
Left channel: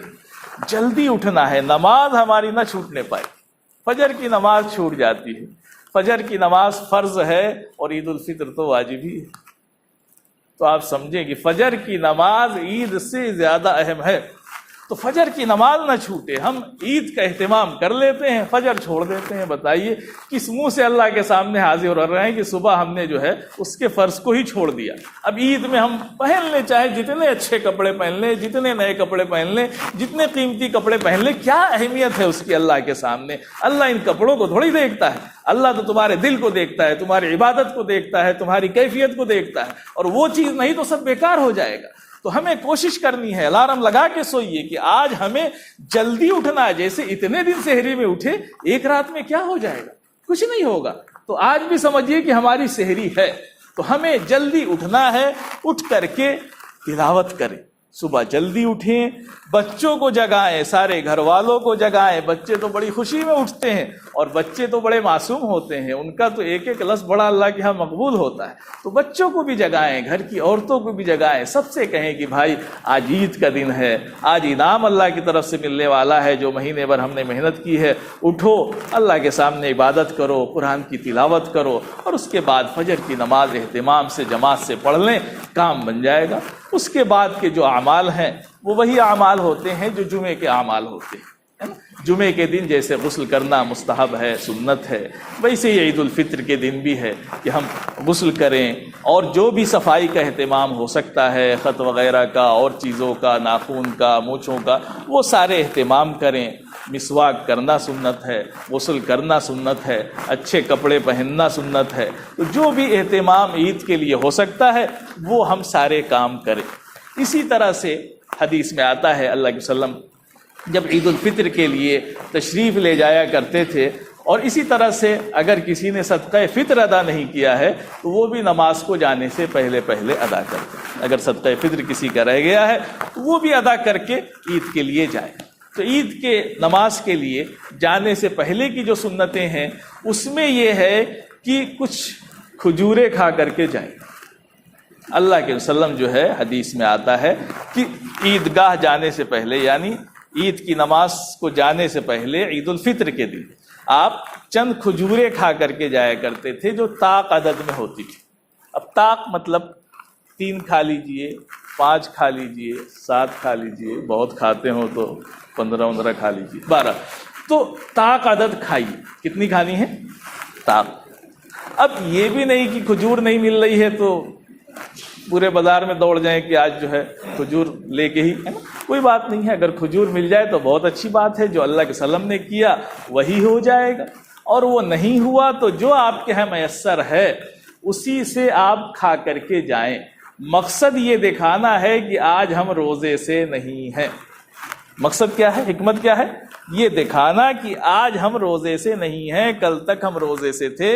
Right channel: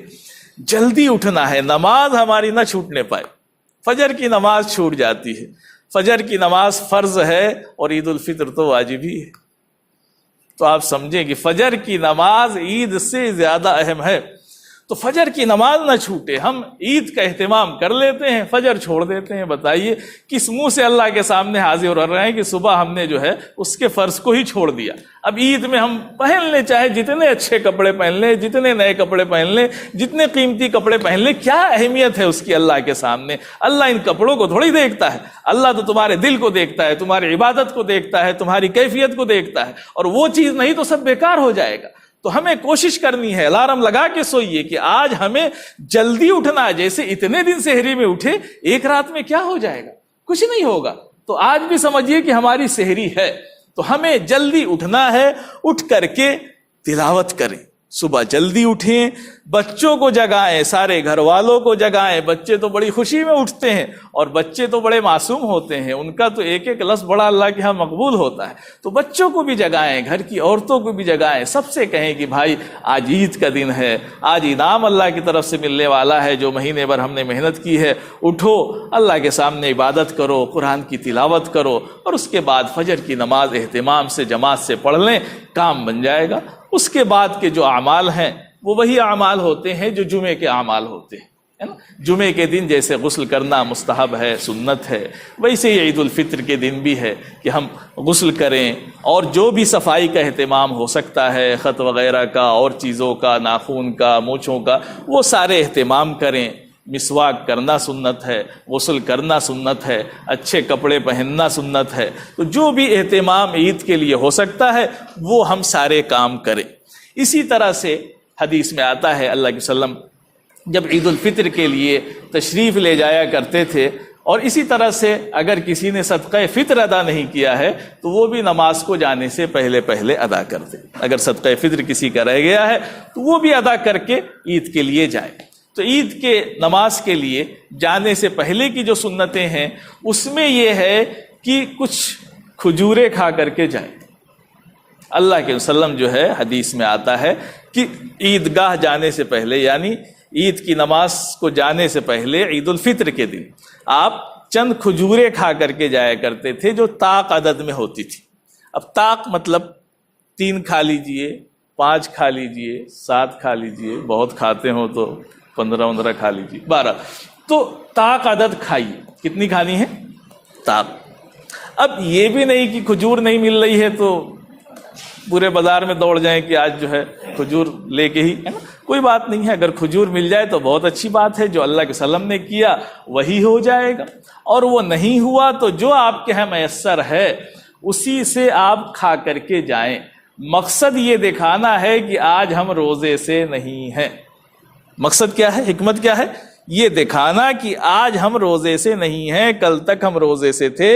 جلدی اٹھنا ہے، نماز ہماری نہ چھوٹنے پائے. فجر کی نماز چھوٹ جاتی ہے، فجر کی نماز فرض ہے اور عید الفطر تو واجب ہی ہے. تو آپ سمجھیں کہ فجر کی نماز عید سے زیادہ اہم ہے. تو فجر کی نماز نہ چھوٹے. ہم عید کا اہتمام کر لیتے ہیں، فجر چھوڑ دیتے ہیں. بتائیے کس منہ سے اللہ کے سامنے حاضر ہو رہے ہیں کہ صبح ہم نے جو ہے اس کے فرض کو ہی چھوڑ دیا. اب عید میں ہم پہن لیں، چاہے جتنے اچھے کپڑے پہن لیں، جتنے نئے کپڑے پہن لیں، جتنے قیمتی کپڑے پہن لیں، کیا اہمیت ہے اس کی اللہ کے سامنے؟ اللہ ان کپڑوں کو تھوڑی دیکھتا ہے. اللہ تو تمہارے دل کو دیکھتا ہے، تمہاری عبادت کو دیکھتا ہے، تمہاری کیفیت کو دیکھتا ہے. اور وہ چیز نہیں تو سب بیکار ہو جائے گا. تو ہمیں کوشش کرنی ہے، الارم لگا کے سوئیے کہ آج ہمیں جلدی اٹھنا ہے. جیسے اتنے دن سحری میں اٹھے، ایک رات میں کیا ہو جائے گا؟ کچھ نہیں ہوگا. تو آج بھی سمجھیے کہ ہماری سحری ہے، تو ہمیں جلدی اٹھنا ہے. اٹھ کر کے تلاوت کریں. صبح جلدی اٹھیں، بچوں کو جگائیں، سارے گھر والوں کو جگائیں. بچے تو بڑی خوشی میں اٹھتے ہیں، اور بچے تو بڑے معصوم ہوتے ہیں، ان کا تو ایک ایک لفظ بڑا اللہ کے ہاں مقبول ہوتا ہے. تو بچوں کو بھی جگائیں، گھر کی عورتوں کو بھی جگائیں. سب سے کہیں کہ بھائی آج عید کا دن ہے، آج انعام اللہ کی طرف سے ملنے والا ہے جو مہینے بھر ہم نے محنت کی ہے. اٹھو، اللہ کے سامنے عبادت کرو، قرآن کی تلاوت کرو، اور اس کے بعد فجر کی نماز اہتمام سے جماعت سے پڑھ لیں، کام بن جائے گا. اس کے بعد کے جو اعمال ہیں وہ وہی اعمال ہوتے ہیں جو جمعے کے اعمال ہوتے ہیں. جمعے کے دن جیسے غسل کرنا مستحب ہے، سنت ہے، ویسے ہی عید الفطر کے دن بھی ہے کہ ہم غسل کریں، اور جو بھی صفائی کا اہتمام ہو سکتا ہے، خط وغیرہ کا اور چیزوں کا، ناخون کا، مونچھوں کا، وہ سارے اہتمام کریں. مسواک کرنا سنت ہے، غسل کرنا سنت ہے، اچھے کپڑے پہننا سنت ہے۔ تو جو بھی اہتمام عید کے لیے ہو سکتا ہے وہ ہم سارے کام کریں۔ اسی طرح سے حدیث میں آتا ہے اللہ کے وسلم جب عید الفطر کے لیے تشریف لے جایا کرتے تھے، اور اسی طرح سے اگر کسی نے صدقہ فطر ادا نہیں کیا ہے تو وہ بھی نماز کو جانے سے پہلے پہلے ادا کرتے ہیں۔ اگر صدقہ فطر کسی کا رہ گیا ہے تو وہ بھی ادا کر کے عید کے لیے جائے۔ تو عید کے نماز کے لیے جانے سے پہلے کی جو سنتیں ہیں اس میں یہ ہے کہ کچھ کھجوریں کھا کر کے جائیں۔ اللہ کے وسلم جو ہے حدیث میں آتا ہے کہ عیدگاہ جانے سے پہلے، یعنی عید کی نماز کو جانے سے پہلے عید الفطر کے دن آپ چند کھجوریں کھا کر کے جایا کرتے تھے جو طاق عدد میں ہوتی تھی۔ اب طاق مطلب 3 کھا لیجئے، 5 کھا لیجئے، 7 کھا لیجئے، بہت کھاتے ہو تو 15 کھا لیجئے، 12۔ تو طاق عدد کھائیے۔ کتنی کھانی ہے؟ طاق۔ اب یہ بھی نہیں کہ کھجور نہیں مل رہی ہے تو پورے بازار میں دوڑ جائیں کہ آج جو ہے کھجور لے کے ہی، کوئی بات نہیں ہے۔ اگر کھجور مل جائے تو بہت اچھی بات ہے، جو اللہ کے وسلم نے کیا وہی ہو جائے گا، اور وہ نہیں ہوا تو جو آپ کے یہاں میسر ہے اسی سے آپ کھا کر کے جائیں۔ مقصد یہ دکھانا ہے کہ آج ہم روزے سے نہیں ہیں۔ مقصد کیا ہے؟ حکمت کیا ہے؟ یہ دکھانا کہ آج ہم روزے سے نہیں ہیں، کل تک ہم روزے سے تھے،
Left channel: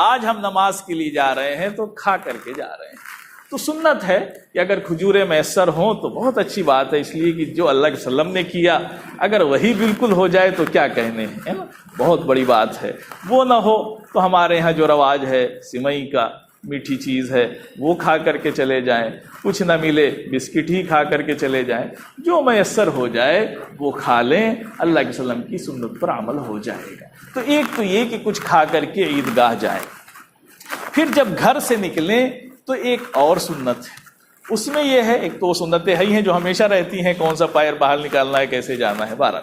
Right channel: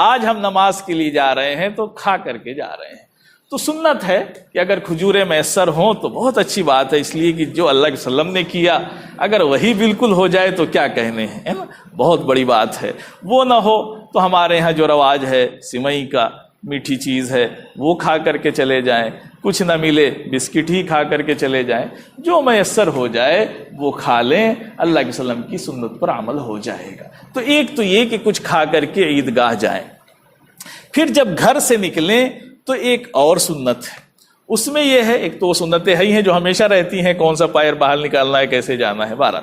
آج ہم نماز کے لیے جا رہے ہیں تو کھا کر کے جا رہے ہیں۔ تو سنت ہے کہ اگر کھجوریں میسر ہوں تو بہت اچھی بات ہے، اس لیے کہ جو اللہ کے وسلم نے کیا اگر وہی بالکل ہو جائے تو کیا کہنے ہیں، ہے نا، بہت بڑی بات ہے۔ وہ نہ ہو تو ہمارے ہاں جو رواج ہے سوئی کا، میٹھی چیز ہے، وہ کھا کر کے چلے جائیں، کچھ نہ ملے بسکٹ ہی کھا کر کے چلے جائیں، جو میسر ہو جائے وہ کھا لیں، اللہ کے وسلم کی سنت پر عمل ہو جائے گا۔ تو ایک تو یہ کہ کچھ کھا کر کے عیدگاہ جائیں۔ پھر جب گھر سے نکلیں تو ایک اور سنت ہے، اس میں یہ ہے، ایک تو وہ سنتیں ہی ہیں جو ہمیشہ رہتی ہیں، کون سا پیر باہر نکالنا ہے، کیسے جانا ہے، 12۔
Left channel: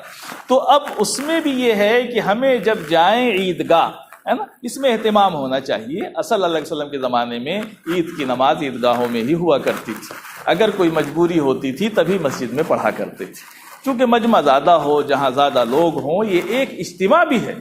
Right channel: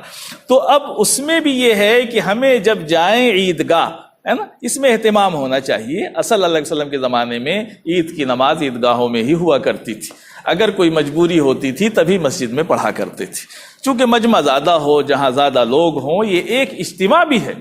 تو اب اس میں بھی یہ ہے کہ ہمیں جب جائیں عیدگاہ، ہے نا، اس میں اہتمام ہونا چاہیے۔ اصل اللہ علیہ وسلم کے زمانے میں عید کی نماز عیدگاہوں میں ہی ہوا کرتی تھی، اگر کوئی مجبوری ہوتی تھی تبھی مسجد میں پڑھا کرتے تھے۔ چونکہ مجمع زیادہ ہو، جہاں زیادہ لوگ ہوں، یہ ایک اجتماع بھی ہے۔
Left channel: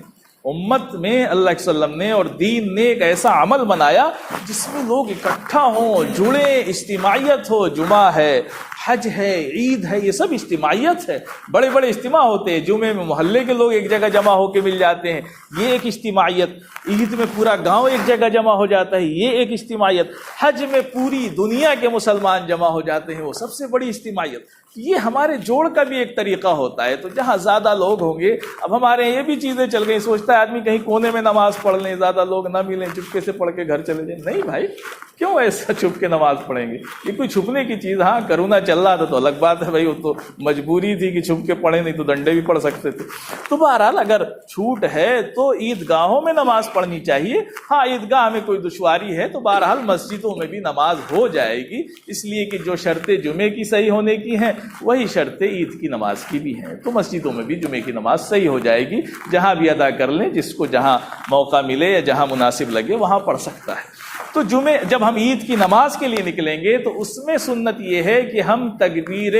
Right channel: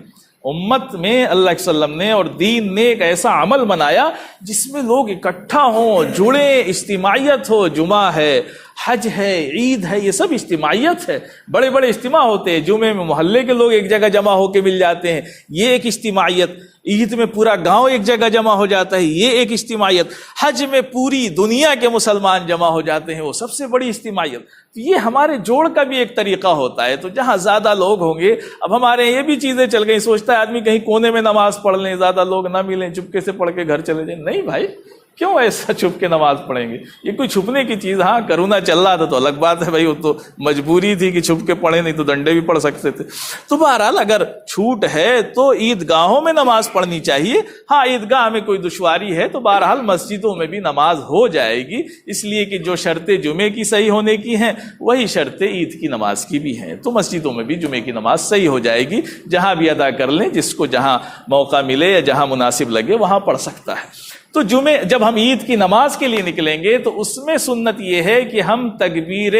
امت میں اللہ کے وسلم نے اور دین نے ایک ایسا عمل بنایا جس میں لوگ اکٹھا ہوں، جڑیں، اجتماعیت ہو۔ جمعہ ہے، حج ہے، عید ہے، یہ سب اجتماعیت ہے۔ بڑے بڑے اجتماع ہوتے ہیں، جمعے میں محلے کے لوگ ایک جگہ جمع ہو کے مل جاتے ہیں، یہ ایک اجتماعیت۔ عید میں پورا گاؤں ایک جگہ جمع ہو جاتا ہے، یہ ایک اجتماعیت۔ حج میں پوری دنیا کے مسلمان جمع ہو جاتے ہیں، وہ سب سے بڑی اجتماعیت۔ یہ ہمارے جوڑ کا بھی ایک طریقہ ہوتا ہے۔ تو جہاں زیادہ لوگ ہوں گے، اب ہمارے یہ بھی چیزیں چل گئی، سوچتا ہے آدمی کہیں کونے میں نماز پڑھ لیں، زیادہ لوگ نہ ملیں، چپکے سے پڑھ کے گھر چلے جائیں۔ نہیں بھائی، کیوں ایسا چھپ کے نماز پڑھیں گے؟ یہ کوئی چھپنے کی چیز؟ ہاں کرونا چل رہا تھا تو الگ بات ہے بھائی، وہ تو مجبوری تھی کہ چھپ کے پڑھیں، نہیں تو ڈنڈے بھی پڑھ سکتے تھے۔ تو بہرحال اگر چھوٹ ہے تو عیدگاہوں میں نماز پڑھنی چاہیے۔ ہاں عیدگاہ میں کوئی دشواری ہے تو بہرحال مسجدوں میں بھی نماز ہو جائے گی، اس لیے کہ جو شرطیں جمعے کی صحیح ہونے کی ہیں وہی شرطیں عید کی نماز کی بھی ہیں۔ تو مسجدوں میں بھی جمعے کی نماز صحیح ہو جائے گی، جہاں بھی ادا کر لیں، جس کو جہاں موقع ملے یا جہاں مناسب لگے وہاں پڑھ سکتا ہے۔ تو جب ہم عید کی نماز کے لیے نکلیں گے تو اس میں سنت یہ ہے کہ ہم تکبیر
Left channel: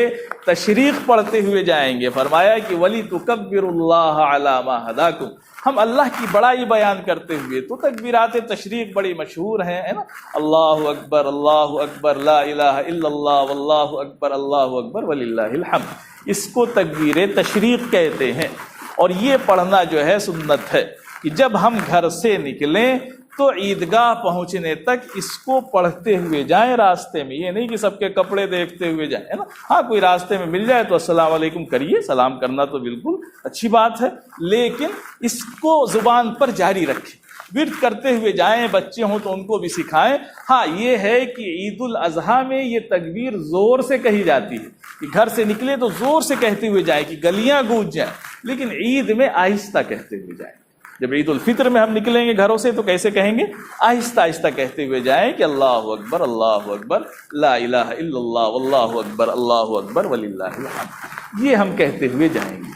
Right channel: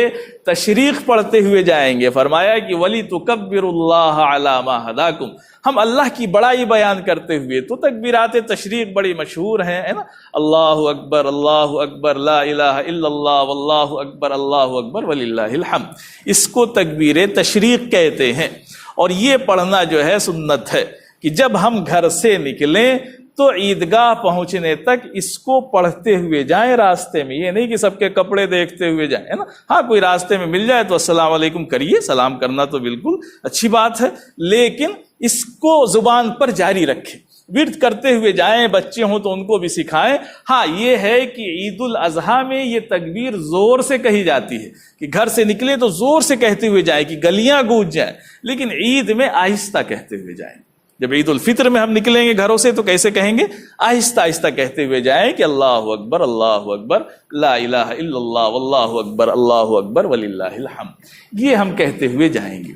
تشریق پڑھتے ہوئے جائیں گے۔ فرمایا کہ وَلِتُكَبِّرُوا اللَّهَ عَلَى مَا هَدَاكُمْ، ہم اللہ کی بڑائی بیان کرتے ہوئے۔ تو تکبیرات تشریق بڑی مشہور ہیں، ہے نا، اللہ اکبر، اللہ اکبر، لا الہ الا اللہ، واللہ اکبر، اللہ اکبر وللہ الحمد، اس کو تکبیر تشریق کہتے ہیں۔ اور یہ پڑھنا جو ہے سنت ہے کہ جب ہم گھر سے نکلیں تو عیدگاہ پہنچنے تک اس کو پڑھتے ہوئے جائیں راستے میں۔ یہ نہیں کہ سب کے کپڑے دیکھتے ہوئے جائیں، ہے نا۔ ہاں کوئی راستے میں مل جائے تو السلام علیکم کریے، سلام کرنا تو بالکل اچھی بات ہے، لیکن اس کو زبان پر جاری رکھیں، ورد کرتے ہوئے جائیں۔ بچے ہوں تو ان کو بھی سکھائیں۔ ہاں یہ ہے کہ عید الاضحیٰ میں یہ تکبیر زور سے کہی جاتی ہے کہ گھر سے نکلے تو زور سے کہتے ہوئے جائیں کہ گلیاں گونج جائیں، لیکن عید میں آہستہ کہتے ہوئے جائیں۔ جب عید الفطر میں ہم نکلیں گے گھروں سے تو کیسے کہیں گے؟ آہستہ آہستہ کہتے ہوئے جائیں کہ اللہ اکبر، اللہ اکبر، لا الہ الا اللہ، واللہ اکبر، اللہ اکبر وللہ الحمد، یہ ہم کہتے ہوئے جائیں گے،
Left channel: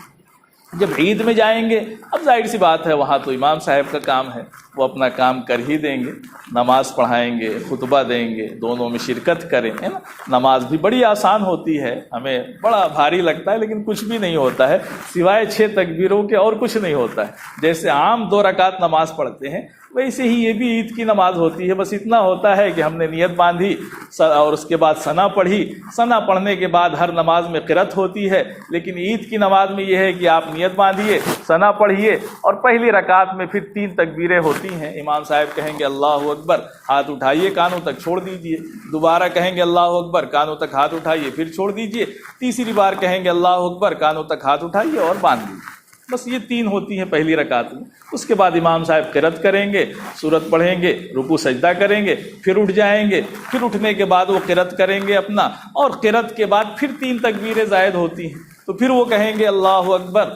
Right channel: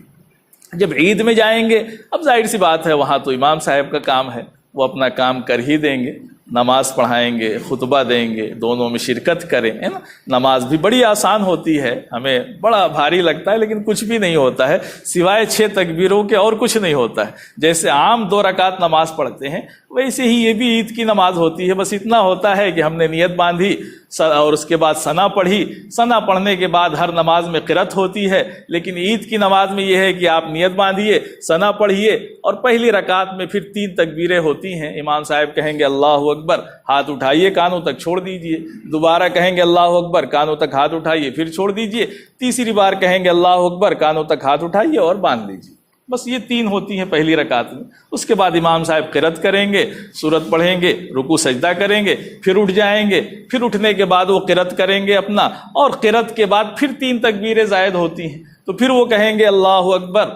جب عید میں جائیں گے اب ظاہر سی بات ہے وہاں تو امام صاحب کا کام ہے، وہ اپنا کام کر ہی دیں گے، نماز پڑھائیں گے، خطبہ دیں گے، دونوں میں شرکت کریں، ہے نا۔ نماز بھی بڑی آسان ہوتی ہے، ہمیں بڑا بھاری لگتا ہے لیکن کچھ بھی نہیں ہوتا ہے سوائے 6 تکبیروں کے، اور کچھ نہیں ہوتا ہے۔ جیسے عام 2 رکعت نماز پڑھتے ہیں ویسے ہی یہ بھی عید کی نماز ہوتی ہے، بس اتنا ہوتا ہے کہ ہم نے نیت باندھی اور اس کے بعد ثنا پڑھی، ثنا پڑھنے کے بعد ہر نماز میں قرأت ہوتی ہے، لیکن عید کی نماز میں یہ ہے کہ آپ نیت باندھیے، ثنا پڑھیے، اور پہلی رکعت میں پھر 3 تکبیریں ہوتی ہیں۔ امام صاحب کہیں گے اللہ اکبر، ہاتھ اٹھائیے، کانوں تک چھوڑ دیجئے، دوبارہ کہیں گے اللہ اکبر، کانوں تک ہاتھ اٹھائیے، پھر چھوڑ دیجئے، تیسری بار کہیں گے اللہ اکبر، کانوں تک ہاتھ اٹھائیے اور باندھ دیجئے۔ بس یہ 3 ہوتی ہیں پہلی رکعت میں۔ اس کے بعد امام صاحب قرأت کریں گے، سورت پڑھیں گے، رکوع سجدہ کریں گے، پھر اٹھ جائیں گے، پھر اٹھنے کے بعد وہ قرأت کریں گے اپنا، اور قرأت کے بعد پھر 3 تکبیریں زائد ہوتی ہیں، تو پھر وہ کہیں گے اللہ اکبر،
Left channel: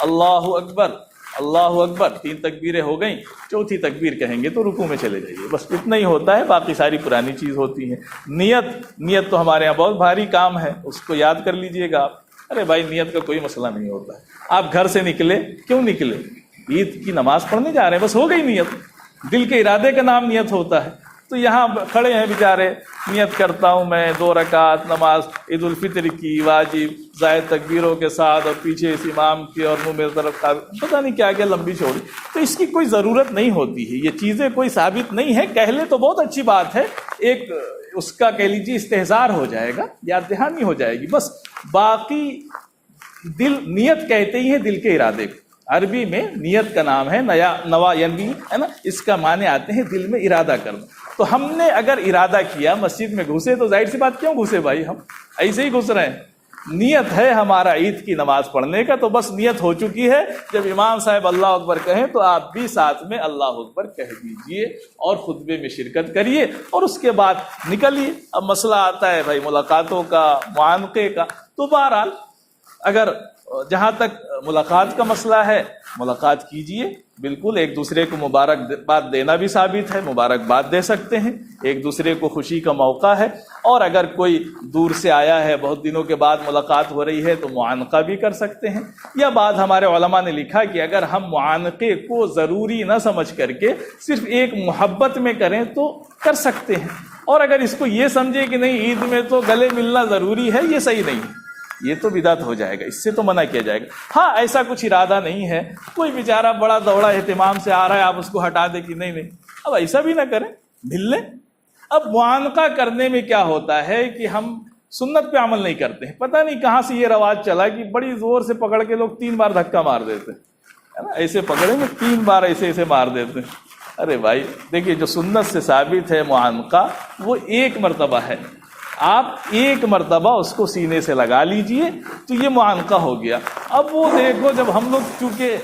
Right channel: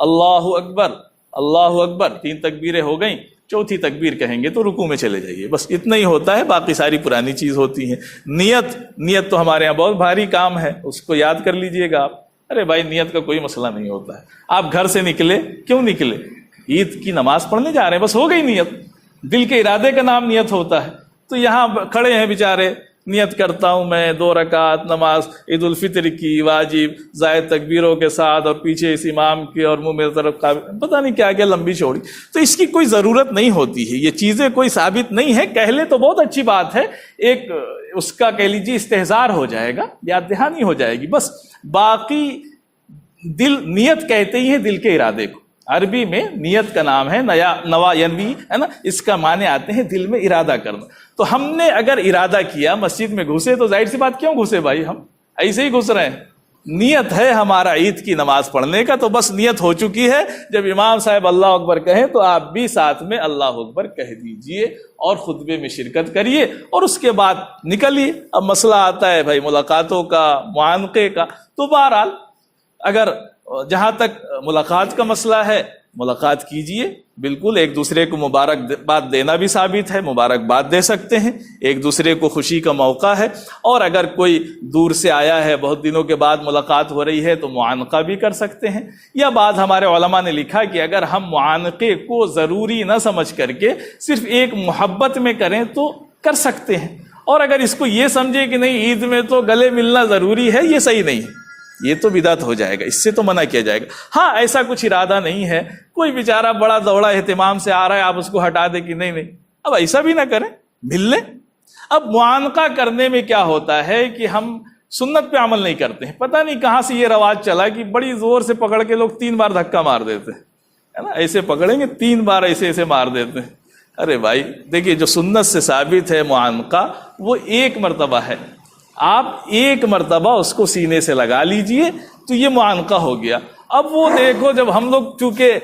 اللہ اکبر، اللہ اکبر، 3 تکبیریں ہو گئیں، چوتھی تکبیر کہیں گے تو رکوع میں چلے جائیے۔ بس اتنا ہی ہوتا ہے، باقی ساری پرانی چیز ہوتی ہیں۔ نیت تو ہمارے یہاں بہت بھاری کام ہے، اس کو یاد کر لیجئے گا آپ۔ ارے بھائی نیت کا کوئی مسئلہ نہیں ہوتا ہے، آپ گھر سے نکلے، کیوں نکلے؟ عید کی نماز پڑھنے جا رہے ہیں، بس ہو گئی نیت، دل کے ارادے کا نام نیت ہوتا ہے۔ تو یہاں کھڑے ہیں بیچارے، نیت کرتا ہوں میں 2 رکعت نماز عید الفطر کی واجب زائد تکبیروں کے ساتھ، اور پیچھے اس امام کی اور منہ میرے طرف پتہ نہیں کیا کیا لمبی چوڑی، تو اس کی کوئی ضرورت نہیں ہوتی ہے، یہ چیزیں کوئی ثابت نہیں ہے۔ کہہ لے تو بہت اچھی بات ہے، ایک اس کا کہہ لیجیے استحضار ہو جائے گا، یاد دہانی ہو جائے گی، بس باقی نیت کہتے ہی ہے دل کے ارادے کو۔ عربی میں نیت کا نام ہے نوا ینوی، ہے نا، اس کا معنی آتے ہیں دل میں ارادہ کرنا۔ تو ہم نے اگر ارادہ کیا، مسجد میں گھسے تو ظاہر سی بات کیوں گھسے بھائی، ہم ایسے ہی گھس رہے ہیں، نیت ہے ہمارا عید کی نماز پڑھنے کا، تو بس نیت ہو چکی ہے۔ جب امام صاحب اللہ اکبر کہیں تو آپ بھی ساتھ میں اللہ اکبر کہہ دیجئے اور خطبے میں شرکت کریے، اور اس کے بعد نکلیے۔ اب مسئلہ آتا ہے بھائی ملاقاتوں کا، معانقے کا، تو بہرحال اگر جہاں تک ملاقات کا مسئلہ ہے ملاقات کیجئے، بالکل ایک دوسرے کو مبارکباد دینا بھی ثابت ہے، مبارکباد دے سکتے ہیں، ایک دوسرے کو خوشی کا موقع ہے۔ اور اگر کوئی دور سے آیا ہے، بہت دنوں کے بعد ملاقات ہو رہی ہے، تو معانقہ بھی کر سکتے ہیں۔ یا بعض ہمارے علماء نے لکھا کہ اگر ہم معانقے کو ضروری نہ سمجھ کر کے صرف ایک محبت میں کریں تو کر سکتے ہیں، اور اگر اس کو یہ سمجھے کہ نہیں عید میں تو گلے ملنا ضروری ہے، یہ صحیح نہیں ہے، یہ تو بدعت ہو جائے گا، اس سے تو منع کیا جائے گا۔ ہاں ایسا کچھ ارادہ نہیں ہے، کوئی بیچارہ بڑا دوڑا اہتمام سے آ رہا ہے، آپ اس کو ہٹا دیں کہ نہیں، اب ایسا بھی نہ کریں، مل لیں۔ اب معانقہ کرنے میں کیا ہوتا ہے کہ ہم سنت پہ عمل نہیں کرتے ہیں، پتہ نہیں کہاں سے یہ رواج چلا کہ بڑی زور سے پکڑ کے لوگ 3 بار دھکا مار دیتے ہیں، ہے نا، ایسے پکڑیں گے 3 بار ایسے مار دیتے ہیں۔ ارے بھائی دیکھیے، جو سنت سے ثابت ہے معانقہ وہ 1 مرتبہ ہے، آپ 1 مرتبہ اس کو سینے سے لگا لیجئے تو یہ معانقہ ہو گیا۔ اب وہ دیکھو جب ہم لوگ کیونکہ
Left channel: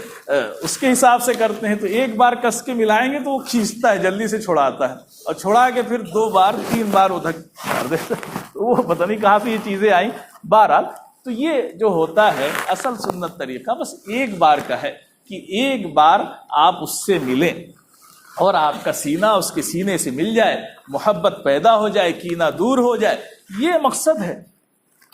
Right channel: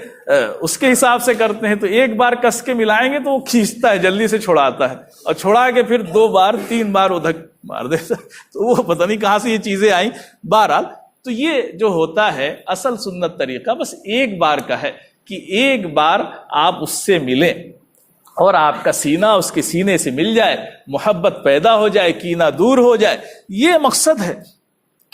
اس کے حساب سے کرتے ہیں تو 1 بار کس کے ملائیں گے تو وہ کھینچتا ہے، جلدی سے چھڑاتا ہے، اور چھڑا کے پھر 2 بار 3 بار وہ دھک مار دیتا ہے، تو وہ پتہ نہیں کہاں سے یہ چیزیں آئیں۔ بہرحال تو یہ جو ہوتا ہے اصل سنت طریقہ بس 1 بار کا ہے کہ 1 بار آپ اس سے ملیں اور آپ کا سینہ اس کے سینے سے مل جائے، محبت پیدا ہو جائے، کینہ دور ہو جائے، یہ مقصد ہے۔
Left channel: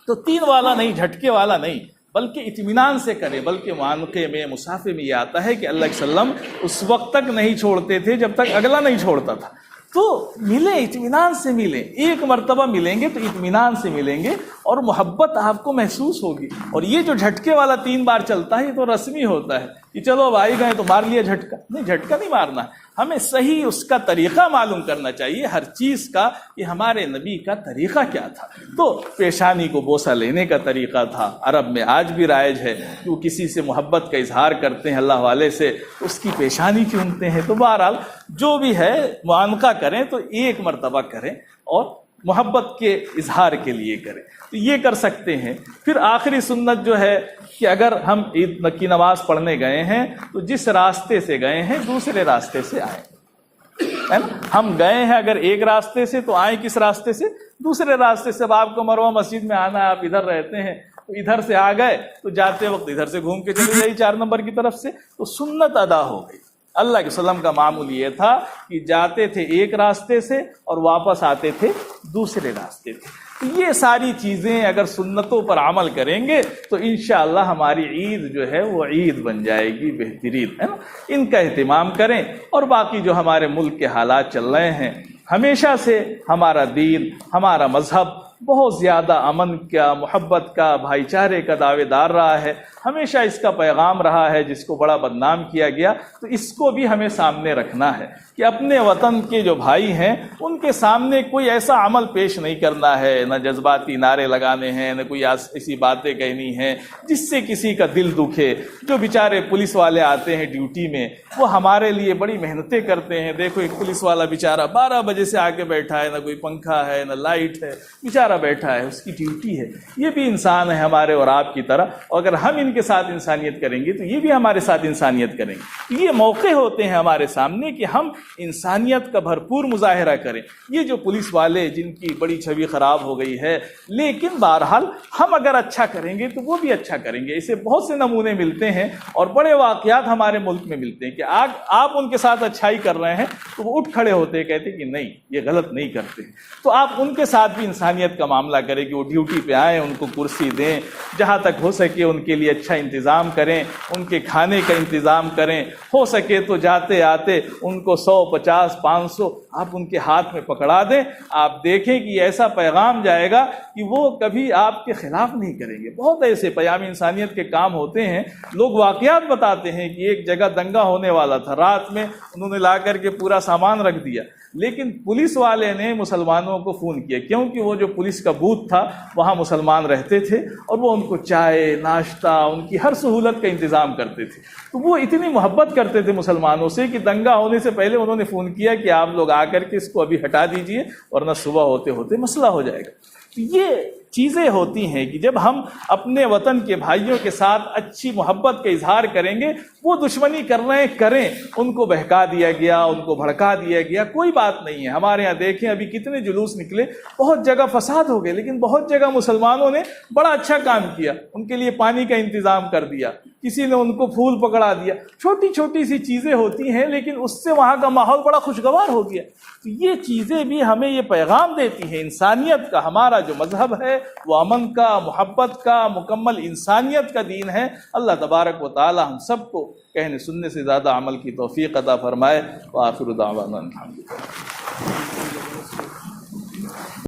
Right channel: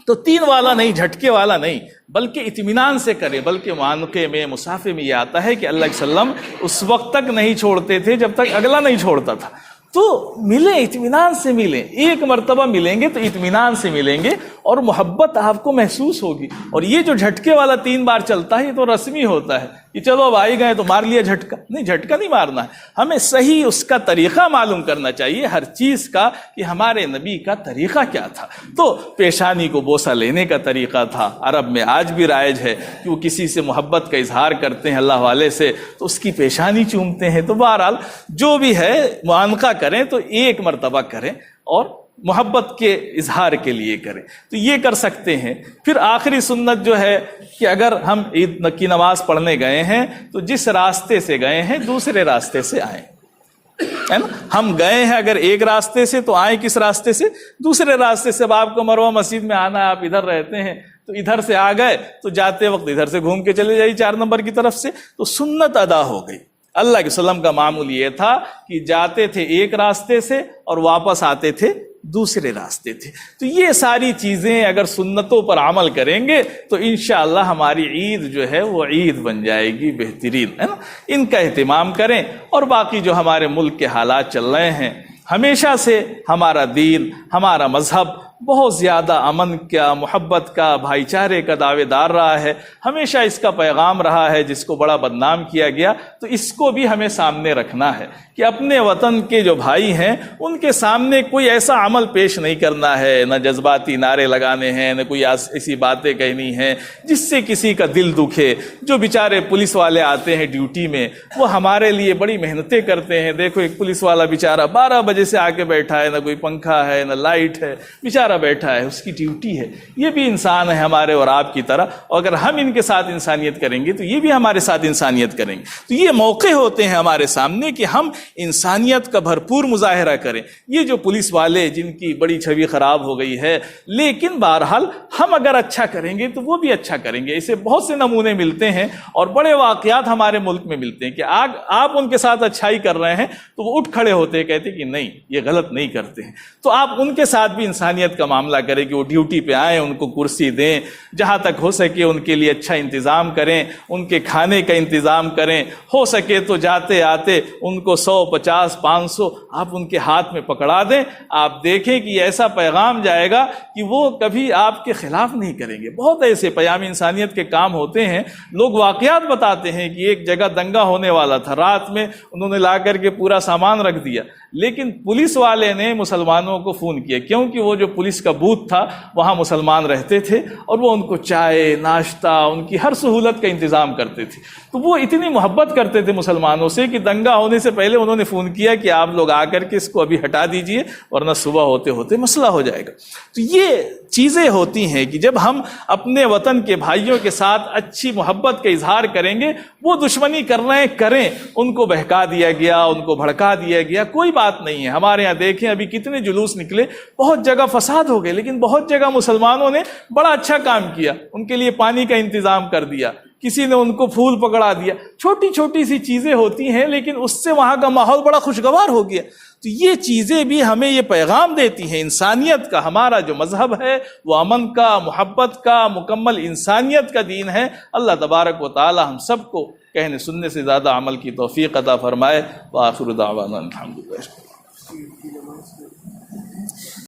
تو 3 والا نہیں، جھٹکے والا نہیں، بلکہ اطمینان سے کرے۔ بلکہ معانقے میں، مسافے میں یہ آتا ہے کہ اللہ کے وسلم اس وقت تک نہیں چھوڑتے تھے جب تک اگلا نہیں چھوڑتا تھا۔ تو ملیں، اطمینان سے ملیں، 1 مرتبہ ملیں گے تو اطمینان سے ملیں گے اور محبت آپ کو محسوس ہوگی۔ اور یہ جو جھٹکے والا 3 بار چلتا ہے یہ تو رسمی ہوتا ہے کہ چلو اب آئی گئے تو مار لیا جھٹکا، نہیں، جھٹکا نہیں مارنا ہے، ہمیں صحیح اس کا طریقہ معلوم کرنا چاہیے ہر چیز کا کہ ہمارے نبی کا طریقہ کیا تھا۔ تو پیشانی کو بوسہ لینے کا طریقہ تھا، عرب میں آج بھی رائج ہے کہ وہ کسی سے محبت کا اظہار کرتے ہیں اللہ والے سے تو اس کی پیشانی چومتے ہیں۔ تو بہرحال جو بھی ہے معانقہ کریں تو 1 مرتبہ کریں اور محبت کے اظہار کے لیے کریں، تو یہ کر سکتے ہیں۔ پھر آخری سنت جو ہے کہ اگر ہم عید کی نماز پڑھنے گئے ہیں تو جس راستے سے گئے ہیں دوسرے راستے سے آئیں۔ ہم گئے ہیں اگر ایک راستے سے تو آئیں کس راستے سے؟ دوسرے راستے سے۔ اب آپ کو مروہ مسجد میں آنا ہے، آپ ادھر رہتے ہیں تو ادھر سے آ گئے تو جاتے وقت ادھر سے گھوم کے چلے جائیے 4 نمبر کی طرف سے، تو سنت ادا ہو گئی۔ اللہ کے وسلم کا معمول یہ تھا کہ جاتے تھے ایک راستے سے اور واپس آتے تھے دوسرے راستے تھے. تو یہ ساری چیزیں اگر سنتوں پر عمل کریں گے تو انشاءاللہ ہماری عید جو ہے وہ عید بن جائے گی بہترین، ہے نا. ان کا اہتمام کریں. اور باقی جو ہمارے ملک کے حالات چل رہے ہیں، ہمیشہ سے ہمارا دین، ہمارا مذہب بہت زیادہ امن کا، محبت کا، بھائی چارے کا دعوے دار رہا ہے. ہمیشہ اس کا پیغام رہا ہے جس کو بڑا بدنام کیا گیا. تو اس کو بھی ہمیں سامنے رکھنا ہے کہ اپنے وطن کے جو بھائی ہیں ان کے سامنے کوئی ایسا عمل پیش نہیں کرنا ہے، نہ جذباتی نعرے لگانے ہیں، نہ کوئی ایسی باتیں کہنی ہیں جس سے کسی کا دل دکھے. جو بیچارے پولیس والے آتے ہیں ڈیوٹی میں، وہ ہمارے لیے بڑی محنتیں کرتے ہیں. دیکھو ایک پولیس والا بیچارہ 12 بجے سے آ کے بیٹھا ہے، نہ کوئی پنکھا ہے نہ لائٹ ہے، بیچارہ بیٹھا ہے، اس کی ڈیوٹی ہے. یہ بھی انسان ہے ہمارے اور آپ کی طرح. اور اگر ہم ان کے ساتھ انسانیت کریں گے تو یہ بھی ہمارے ساتھ انسانیت کریں گے. تو یہ موقع ہوتے ہیں ہمارے سامنے کہ ہم انسانیت کا بھرپور مظاہرہ کریں. یہ جو پولیس والے جن کی بڑی چھوی خراب ہو گئی ہے، لیکن بہرحال ہم اگر اچھا کریں گے تو وہ بھی اچھا کریں گے. اسے بہت سے نمونے ملتے ہیں اور بڑے واقعات ہمارے ملک میں ملتے ہیں کہ آپ ان کے ساتھ اچھائی کر رہے ہیں تو وہ اٹھ کھڑے ہوتے ہیں، کہتے ہیں کہ نہیں یہ غلط نہیں کرتے ہیں. تو آپ ان کے ساتھ بھی انسانیت کا معاملہ کریں کہ وہ ڈیوٹی پہ آئیں، ان کو کرسی دیں، جہاں تک ہو سکے ان کے لیے اچھا انتظام کریں، ان کے کھانے کا انتظام کریں. ہو سکے تو جاتے آتے ان کو 100 50 500 آپ ان کے ہاتھ میں پکڑا دیں. آپ دیکھیں کہ ایسا پیغام جائے گا کہ وہ کبھی آپ کے خلاف نہیں کریں گے. بہت ایسے پیام انسانیت کے کام ہوتے ہیں. لوگ واقعات بتاتے ہیں کہ ایک جگہ دنگا ہونے والا تھا، رات میں انہوں نے لا کر کے پورا سامان رکھ دیا، لیکن پولیس والے نے مسلمانوں کو فون کیا، کیونکہ وہ جو پولیس کا بوتھ تھا وہاں مسلمان رہتے تھے اور وہ ان کو چائے ناشتہ ان کی ہر سہولت کا انتظام کرتے تھے. تو وہ اتنی محبت کرتے تھے مسلمانوں سے کہ دنگا ہونے سے پہلے انہوں نے فون کیا کہ آپ لوگ آ کر کے اس کو ابھی ہٹا دیجئے ورنہ صبح ہوتے ہوتے مسئلہ ہو جائے گا. تو یہ چیزیں ہوتی ہیں کہ جب ہم اپنے وطن کے بھائیوں کے ساتھ اچھی محبت کا اظہار کریں گے، وہ دشمنی کر رہے ہیں کریں، ان کو بہکا دیا گیا، ان کو بھڑکا دیا گیا، کوئی بات نہیں ہے. ہمارے یہاں دیکھیں ابھی کتنے جلوس نکلے، بہت جگہ فساد ہو گئے، لیکن بہت جگہ مسلمانوں نے بڑا اچھا کام کیا. ان کے لیے پانی کا انتظام کر دیا، کسی نے ان کو پھول پکڑا دیا. چھوٹی چھوٹی سی چیزیں ہوتی ہیں لیکن اس سے وہاں کا ماحول بڑا خوشگوار ہو گیا. تو یہ چیزیں بھی ہمیں یہ پیغام دیتی ہیں انسانیت کا. ہمارا جو مذہب ہے وہ امن کا، محبت کا، مکمل انسانیت کا دین ہے. اللہ تبارک و تعالی ہم سب کو کہنے سننے سے زیادہ عمل کی توفیق عطا فرمائے. وآخر دعوانا الحمدللہ.